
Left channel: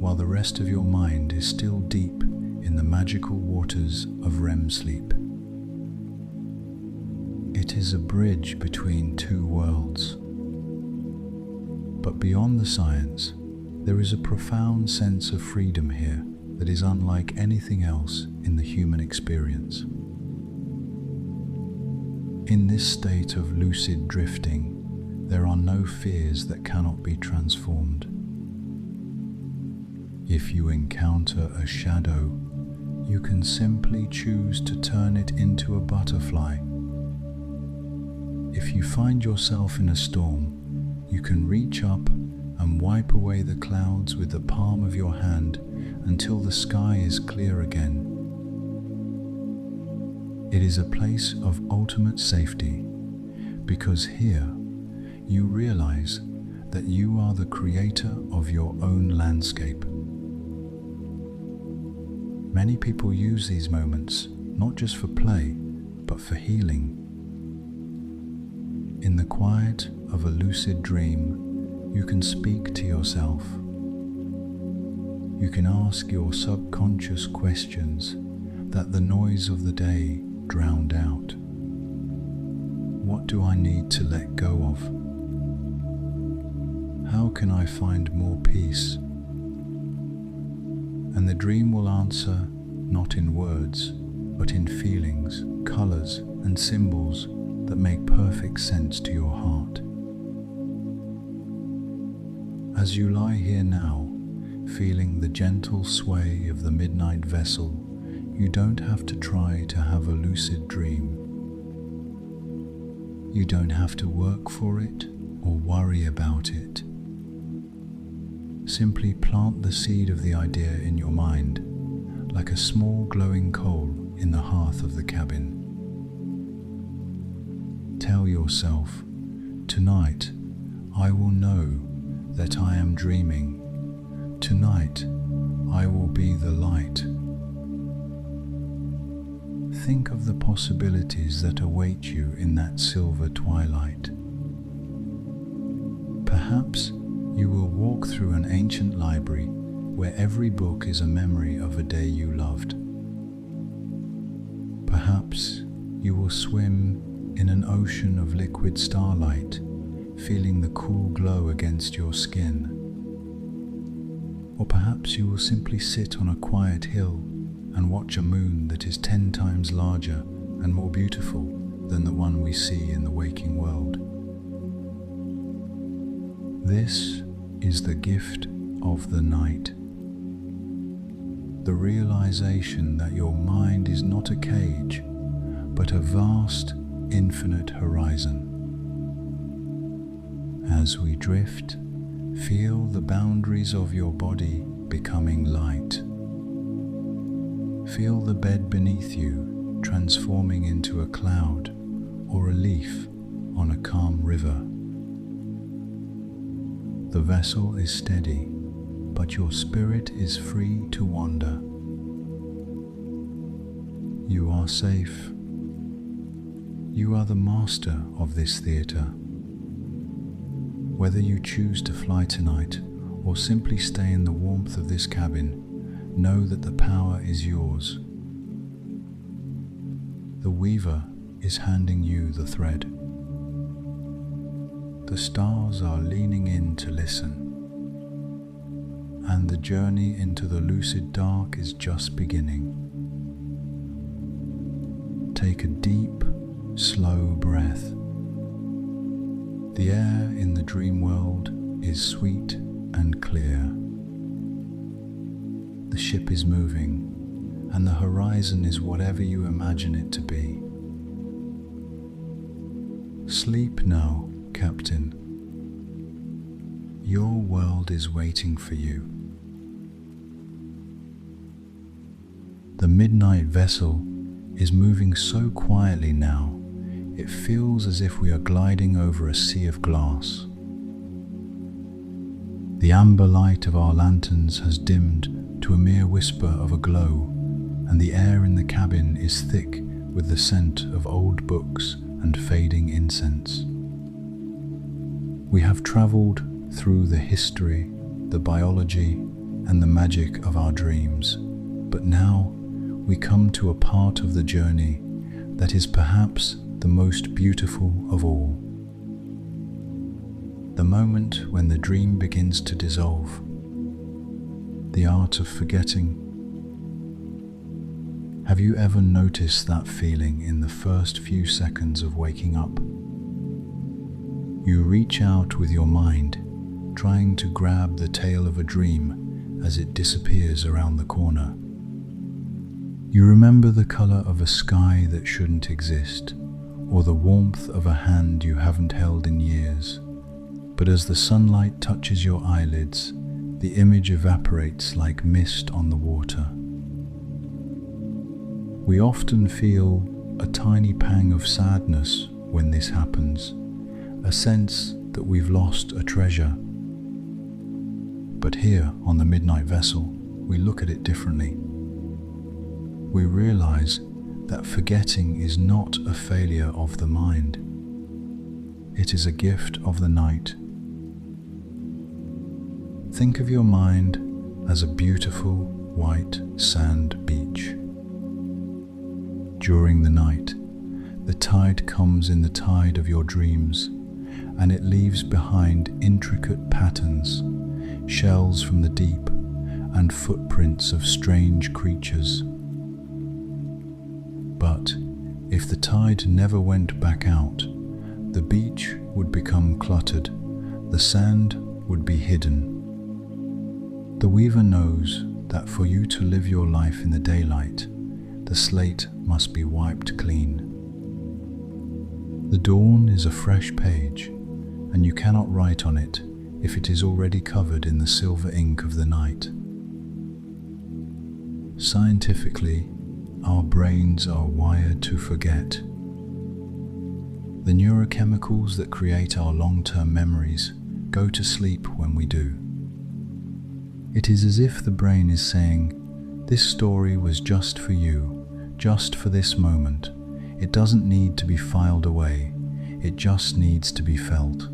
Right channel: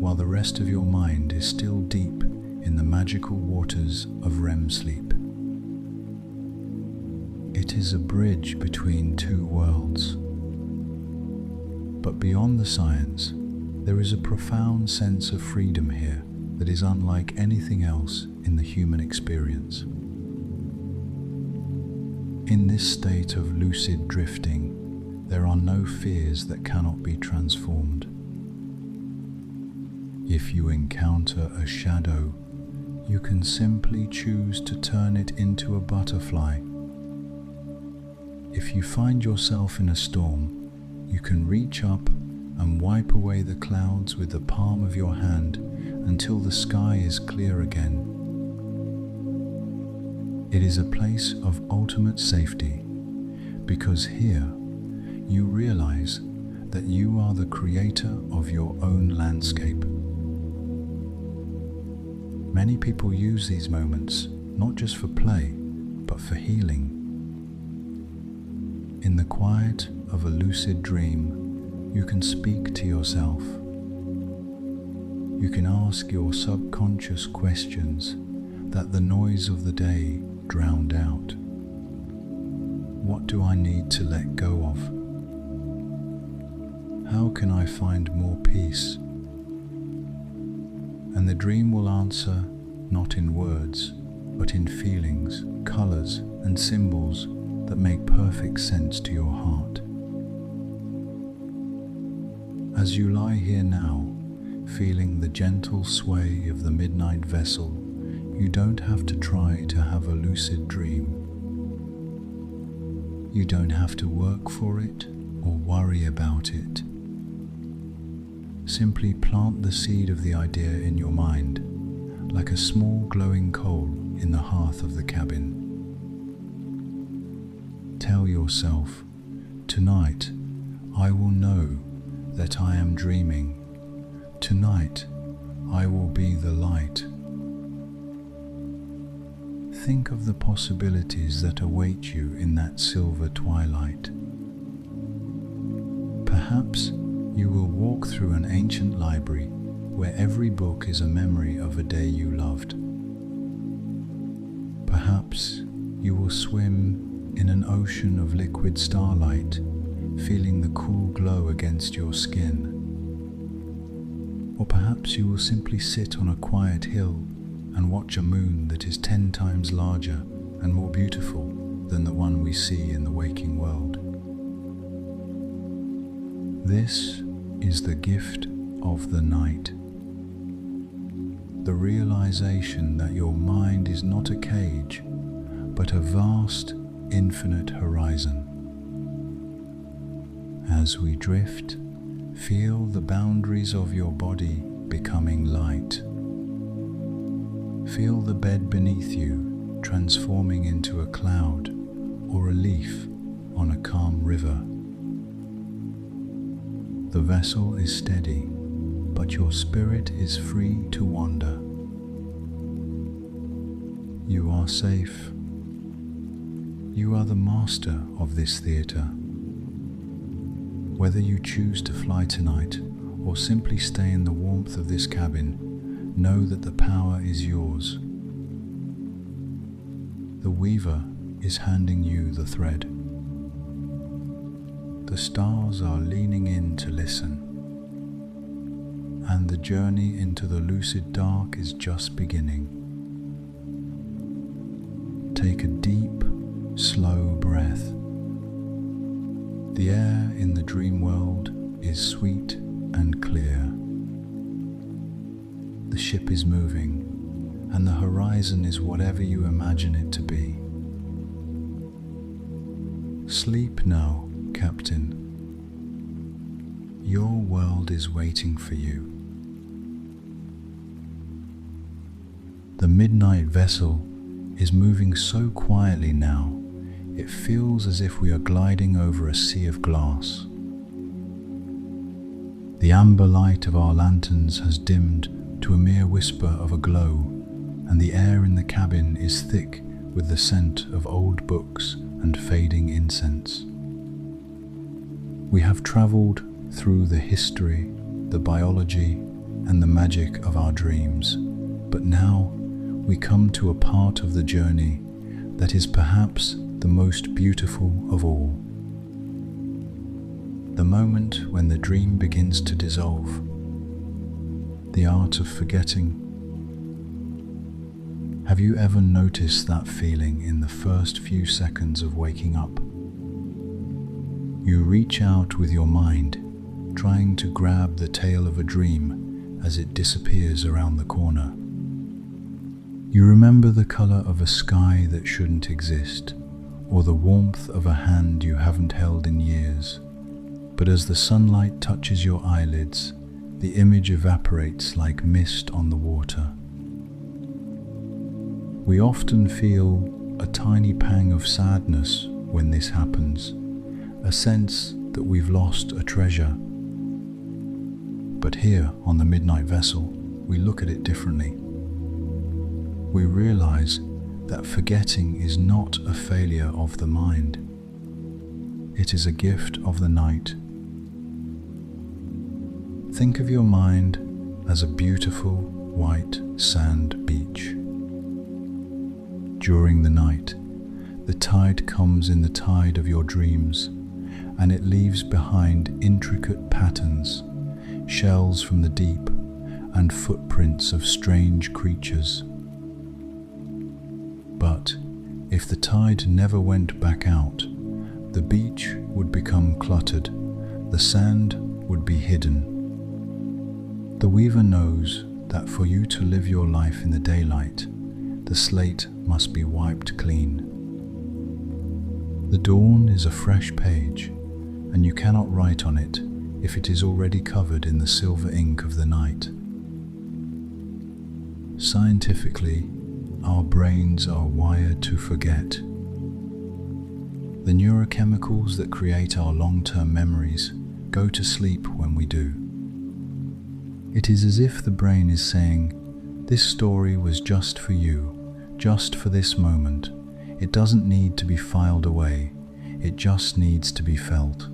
while the rest of your mind is still deep in the magical waters of REM sleep. It is a bridge between two worlds. But beyond the science, there is a profound sense of freedom here that is unlike anything else in the human experience. In this state of lucid drifting, there are no fears that cannot be transformed. If you encounter a shadow, you can simply choose to turn it into a butterfly. If you find yourself in a storm, you can reach up and wipe away the clouds with the palm of your hand until the sky is clear again. It is a place of ultimate safety, because here you realize that you are the creator of your own landscape. Many people use these moments not just for play, but for healing. In the quiet of a lucid dream, you can speak to yourself. You can ask your subconscious questions that the noise of the day drowned out. What do I need to let go of? How can I find more peace? And the dream will answer not in words, but in feelings, colors, and symbols that make perfect sense to your heart. As you lie here now, feeling the gentle sway of the midnight vessel, you don't have to try to have a lucid dream. You don't have to work for it or worry about it. Simply plant the seed of the idea in your mind, like a small glowing coal in the hearth of the cabin. Tell yourself, tonight I will know that I am dreaming. Tonight I will be the light. Think of the possibilities that await you in that silver twilight. Perhaps You will walk through an ancient library where every book is a memory of a day you loved. Perhaps you will swim in an ocean of liquid starlight, feeling the cool glow against your skin. Or perhaps you will simply sit on a quiet hill and watch a moon that is 10 times larger and more beautiful than the one we see in the waking world. This is the gift of the night. The realization that your mind is not a cage, but a vast, infinite horizon. As we drift, feel the boundaries of your body becoming light. Feel the bed beneath you transforming into a cloud or a leaf on a calm river. The vessel is steady, but your spirit is free to wander. You are safe. You are the master of this theatre. Whether you choose to fly tonight or simply stay in the warmth of this cabin, know that the power is yours. The weaver is handing you the thread. The stars are leaning in to listen, and the journey into the lucid dark is just beginning. Take a deep, slow breath. The air in the dream world is sweet and clear. The ship is moving, and the horizon is whatever you imagine it to be. Sleep now, Captain. Your world is waiting for you. The midnight vessel is moving so quietly now, it feels as if we are gliding over a sea of glass. The amber light of our lanterns has dimmed to a mere whisper of a glow, and the air in the cabin is thick with the scent of old books and fading incense. We have travelled through the history, the biology, and the magic of our dreams, but now we come to a part of the journey that is perhaps the most beautiful of all. The moment when the dream begins to dissolve. The art of forgetting. Have you ever noticed that feeling in the first few seconds of waking up? You reach out with your mind, trying to grab the tail of a dream as it disappears around the corner. You remember the color of a sky that shouldn't exist, or the warmth of a hand you haven't held in years. But as the sunlight touches your eyelids, the image evaporates like mist on the water. We often feel a tiny pang of sadness when this happens, a sense that we've lost a treasure. But here on the midnight vessel, we look at it differently. We realize that forgetting is not a failure of the mind. It is a gift of the night. Think of your mind as a beautiful white sand beach. During the night, the tide comes in the tide of your dreams, and it leaves behind intricate patterns, shells from the deep, and footprints of strange creatures. But if the tide never went back out, the beach would become cluttered, the sand would be hidden. The weaver knows that for you to live your life in the daylight, the slate must be wiped clean. The dawn is a fresh page, and you cannot write on it if it is already covered in the silver ink of the night. Scientifically, our brains are wired to forget. The neurochemicals that create our long-term memories go to sleep when we do. It is as if the brain is saying, "This story was just for you, just for this moment. It doesn't need to be filed away, it just needs to be felt."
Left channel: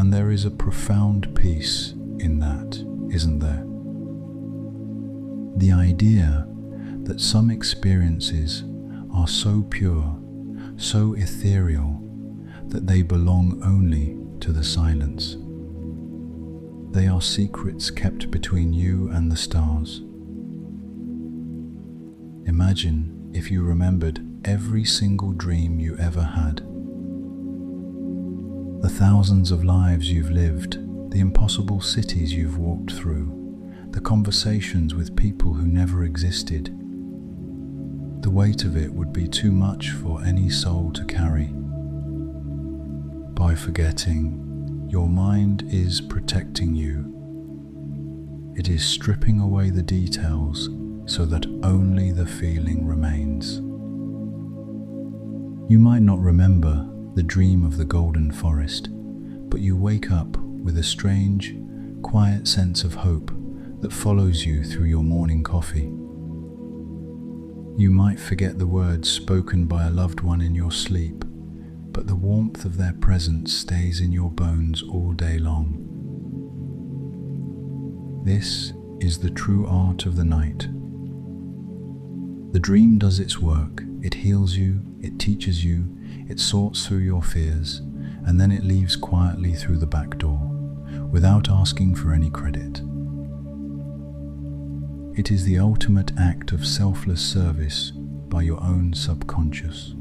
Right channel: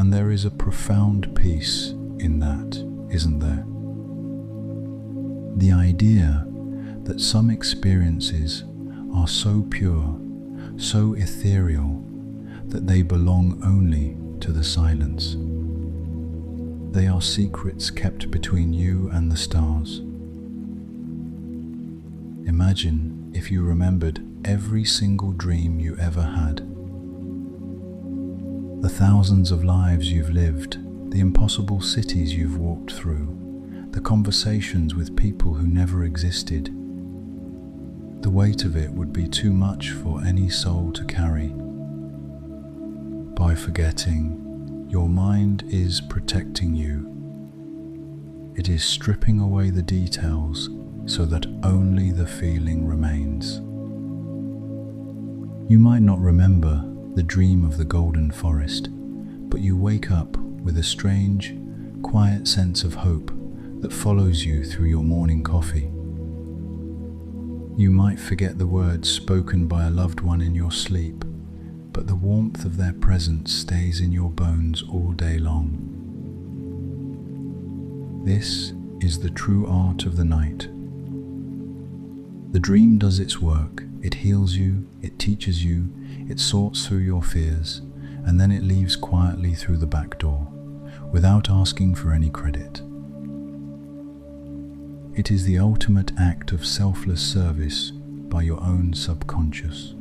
And there is a profound peace in that, isn't there? The idea that some experiences are so pure, so ethereal, that they belong only to the silence. They are secrets kept between you and the stars. Imagine if you remembered every single dream you ever had. The thousands of lives you've lived, the impossible cities you've walked through, the conversations with people who never existed. The weight of it would be too much for any soul to carry. By forgetting, your mind is protecting you. It is stripping away the details so that only the feeling remains. You might not remember the dream of the golden forest, but you wake up with a strange, quiet sense of hope that follows you through your morning coffee. You might forget the words spoken by a loved one in your sleep, but the warmth of their presence stays in your bones all day long. This is the true art of the night. The dream does its work. It heals you, it teaches you, it sorts through your fears, and then it leaves quietly through the back door, without asking for any credit. It is the ultimate act of selfless service by your own subconscious.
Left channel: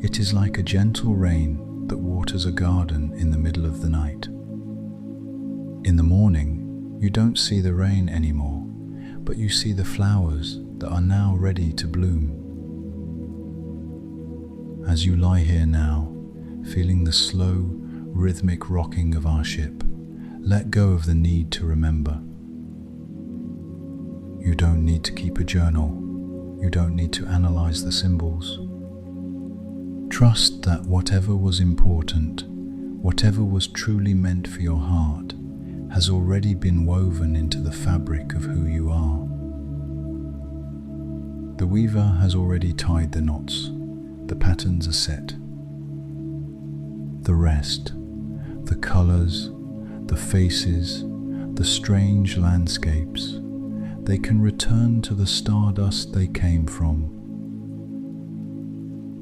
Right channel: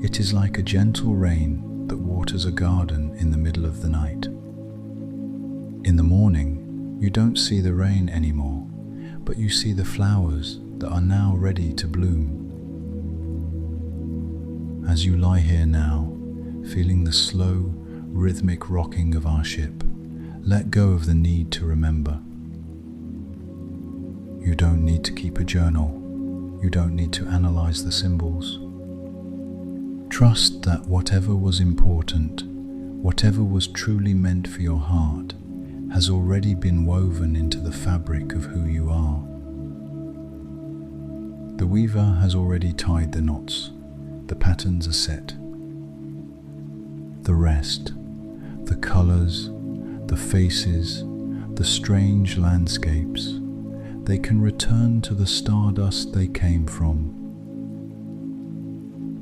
It is like a gentle rain that waters a garden in the middle of the night. In the morning, you don't see the rain anymore, but you see the flowers that are now ready to bloom. As you lie here now, feeling the slow, rhythmic rocking of our ship, let go of the need to remember. You don't need to keep a journal. You don't need to analyze the symbols. Trust that whatever was important, whatever was truly meant for your heart, has already been woven into the fabric of who you are. The weaver has already tied the knots. The patterns are set. The rest, the colors, the faces, the strange landscapes, they can return to the stardust they came from.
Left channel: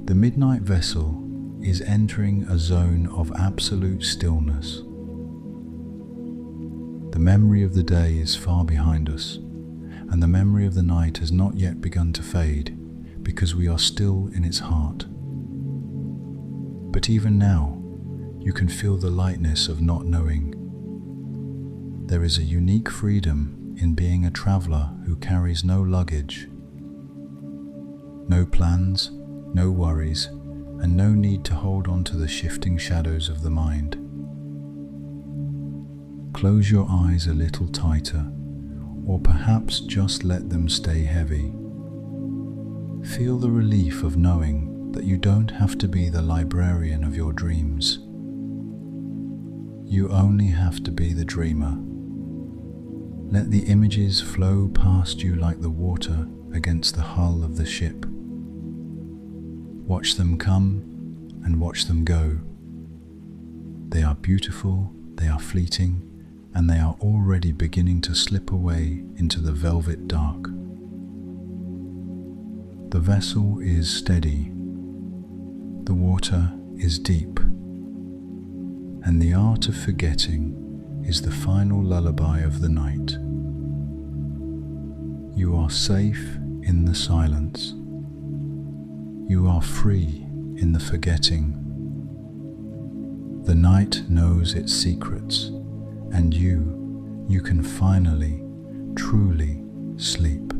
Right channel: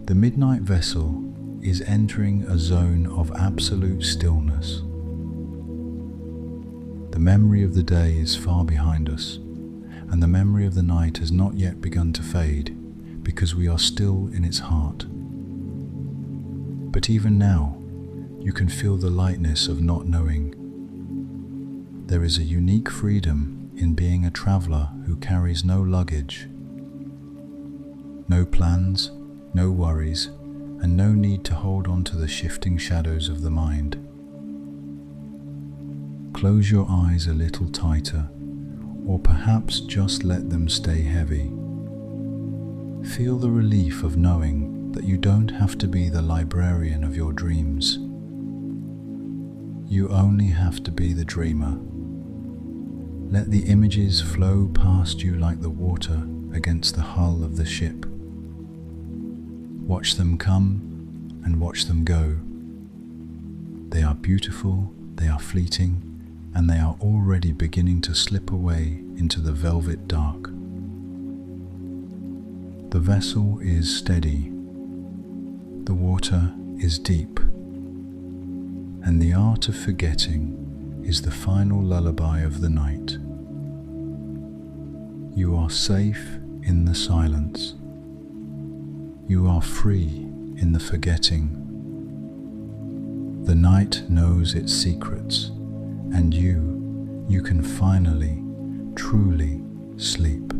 The midnight vessel is entering a zone of absolute stillness. The memory of the day is far behind us, and the memory of the night has not yet begun to fade, because we are still in its heart. But even now, you can feel the lightness of not knowing. There is a unique freedom in being a traveler who carries no luggage, no plans, no worries, and no need to hold on to the shifting shadows of the mind. Close your eyes a little tighter, or perhaps just let them stay heavy. Feel the relief of knowing that you don't have to be the librarian of your dreams. You only have to be the dreamer. Let the images flow past you like the water against the hull of the ship. Watch them come and watch them go. They are beautiful, they are fleeting, and they are already beginning to slip away into the velvet dark. The vessel is steady. The water is deep. And the art of forgetting is the final lullaby of the night. You are safe in the silence. You are free in the forgetting. The night knows its secrets, and you can finally, truly sleep.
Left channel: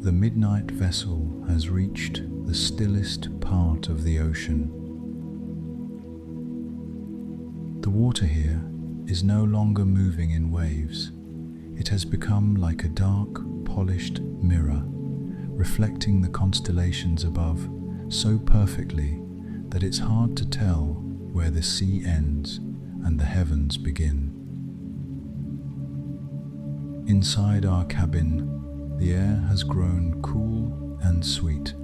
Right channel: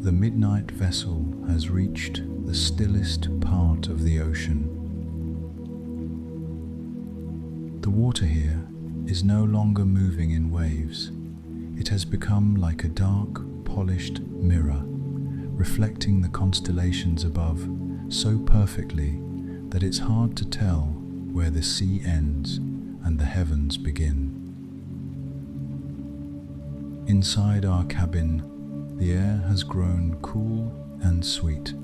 The midnight vessel has reached the stillest part of the ocean. The water here is no longer moving in waves. It has become like a dark, polished mirror, reflecting the constellations above so perfectly that it's hard to tell where the sea ends and the heavens begin. Inside our cabin, the air has grown cool and sweet.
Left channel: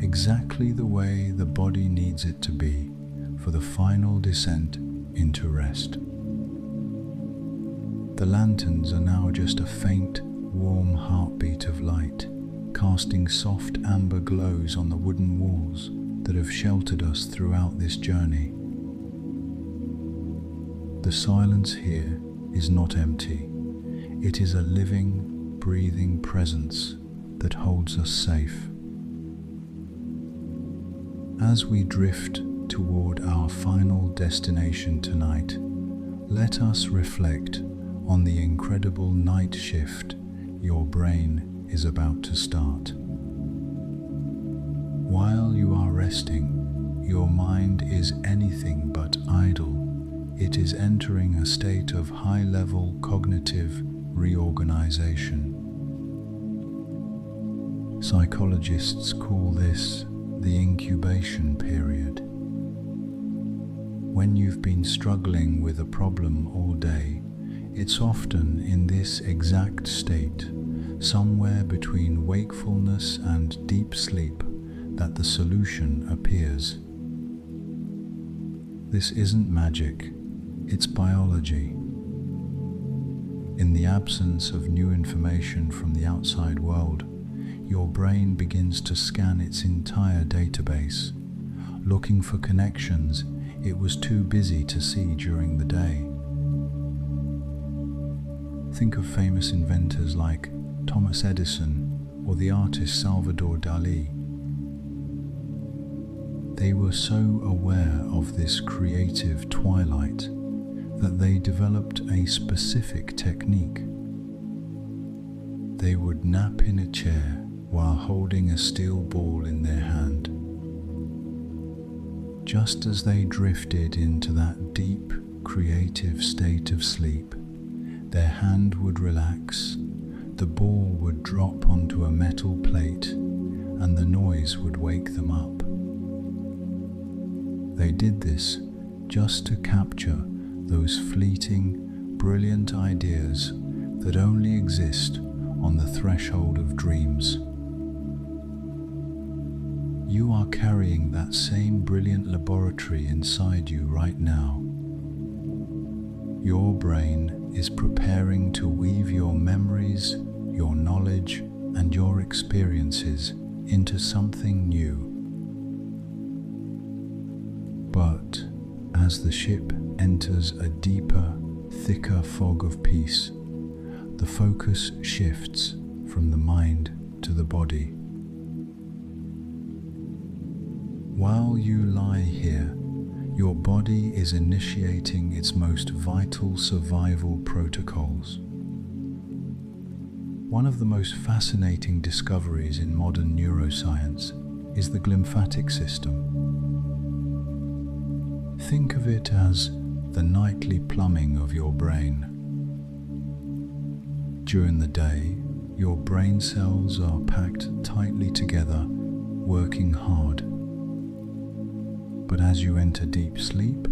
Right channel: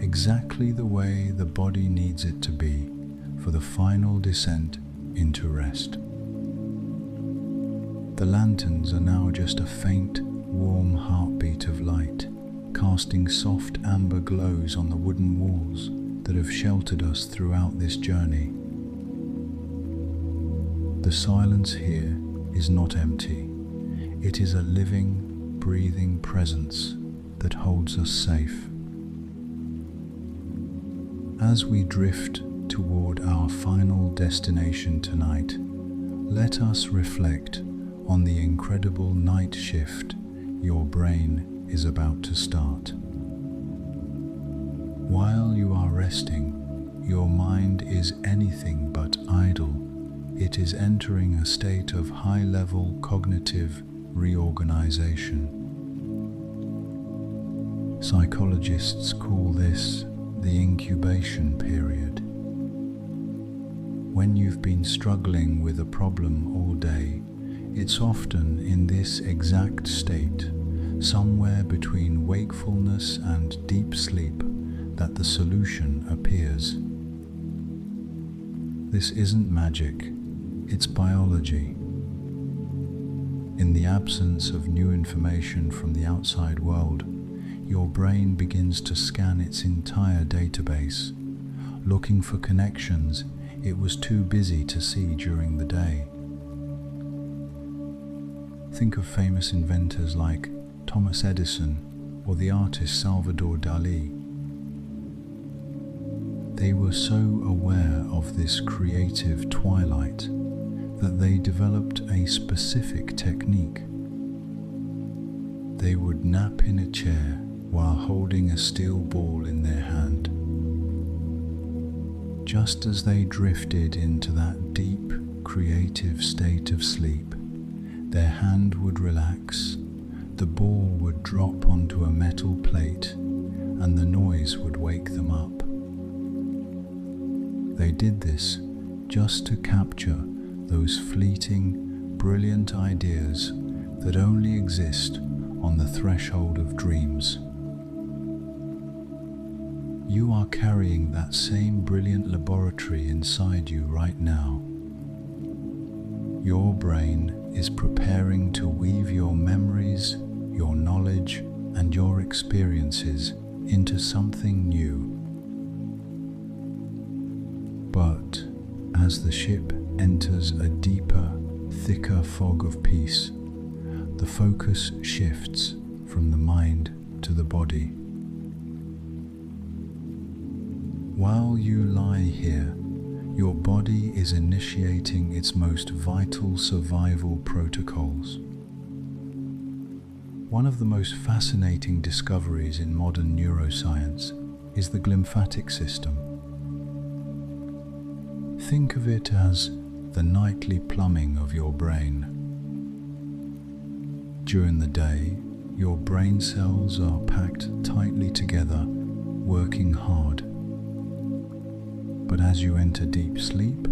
exactly the way the body needs it to be for the final descent into rest. The lanterns are now just a faint, warm heartbeat of light, casting soft amber glows on the wooden walls that have sheltered us throughout this journey. The silence here is not empty. It is a living, breathing presence that holds us safe. As we drift toward our final destination tonight, let us reflect on the incredible night shift your brain is about to start. While you are resting, your mind is anything but idle. It is entering a state of high-level cognitive reorganization. Psychologists call this the incubation period. When you've been struggling with a problem all day, it's often in this exact state, somewhere between wakefulness and deep sleep, that the solution appears. This isn't magic, it's biology. In the absence of new information from the outside world, your brain begins to scan its entire database, looking for connections it was too busy to see during the day. Think of famous inventors like Thomas Edison or the artist Salvador Dali. They were so aware of this creative twilight that they developed a specific technique. They would nap in a chair while holding a steel ball in their hand. Just as they drifted into that deep, creative state of sleep, their hand would relax, the ball would drop onto a metal plate, and the noise would wake them up. They did this just to capture those fleeting, brilliant ideas that only exist on the threshold of dreams. You are carrying that same brilliant laboratory inside you right now. Your brain is preparing to weave your memories, your knowledge, and your experiences into something new. But as the ship enters a deeper, thicker fog of peace, the focus shifts from the mind to the body. While you lie here, your body is initiating its most vital survival protocols. One of the most fascinating discoveries in modern neuroscience is the glymphatic system. Think of it as the nightly plumbing of your brain. During the day, your brain cells are packed tightly together, working hard. But as you enter deep sleep,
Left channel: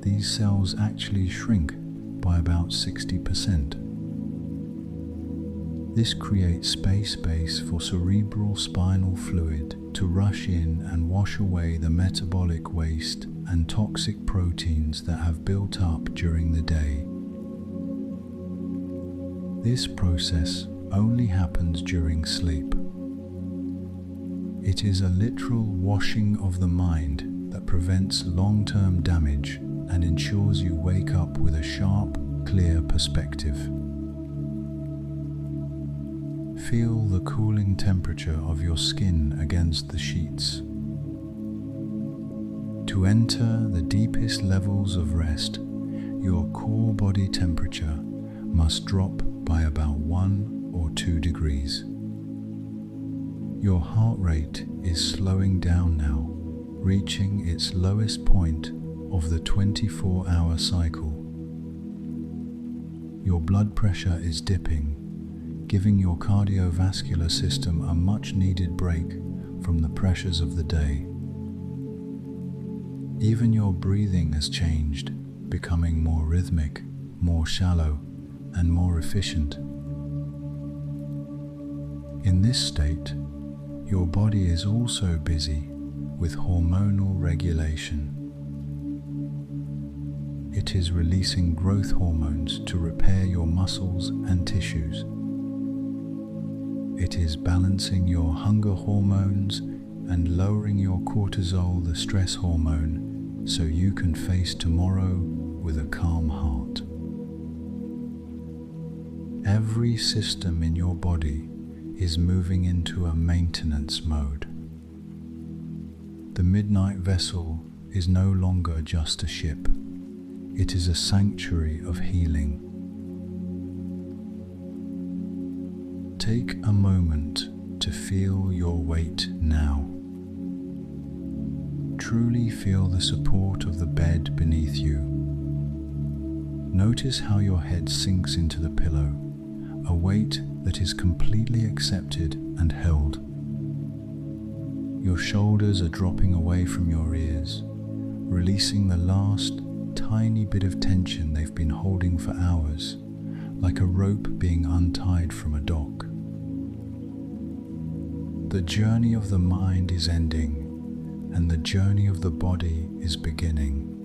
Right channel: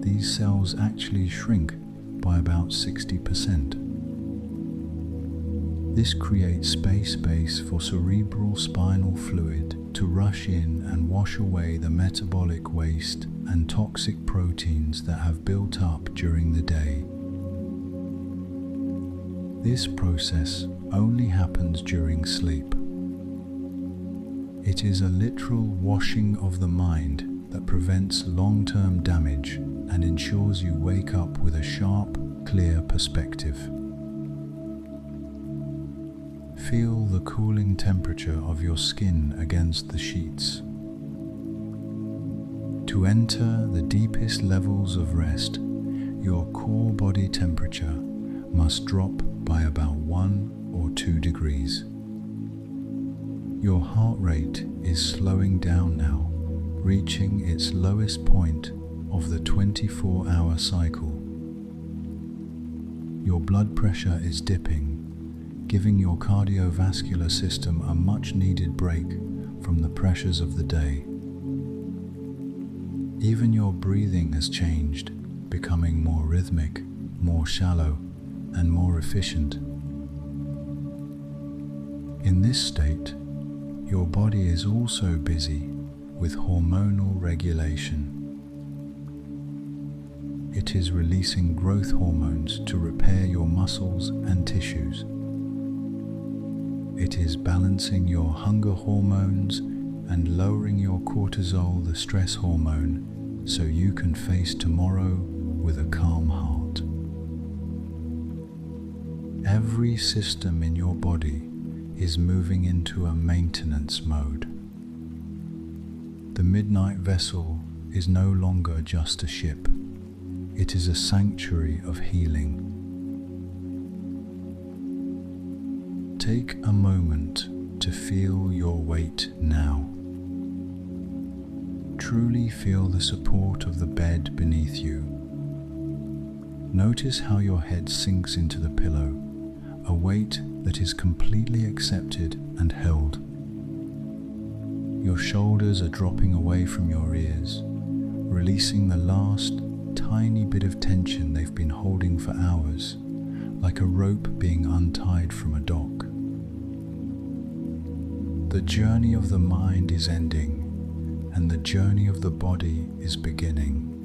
these cells actually shrink by about 60%. This creates space for cerebral spinal fluid to rush in and wash away the metabolic waste and toxic proteins that have built up during the day. This process only happens during sleep. It is a literal washing of the mind that prevents long-term damage and ensures you wake up with a sharp, clear perspective. Feel the cooling temperature of your skin against the sheets. To enter the deepest levels of rest, your core body temperature must drop by about 1 or 2 degrees. Your heart rate is slowing down now, reaching its lowest point of the 24-hour cycle. Your blood pressure is dipping, giving your cardiovascular system a much-needed break from the pressures of the day. Even your breathing has changed, becoming more rhythmic, more shallow, and more efficient. In this state, Your body is also busy with hormonal regulation. It is releasing growth hormones to repair your muscles and tissues. It is balancing your hunger hormones and lowering your cortisol, the stress hormone, so you can face tomorrow with a calm heart. Every system in your body is moving into a maintenance mode. The midnight vessel is no longer just a ship. It is a sanctuary of healing. Take a moment to feel your weight now. Truly feel the support of the bed beneath you. Notice how your head sinks into the pillow, a weight that is completely accepted and held. Your shoulders are dropping away from your ears, releasing the last tiny bit of tension they've been holding for hours, like a rope being untied from a dock. The journey of the mind is ending, and the journey of the body is beginning.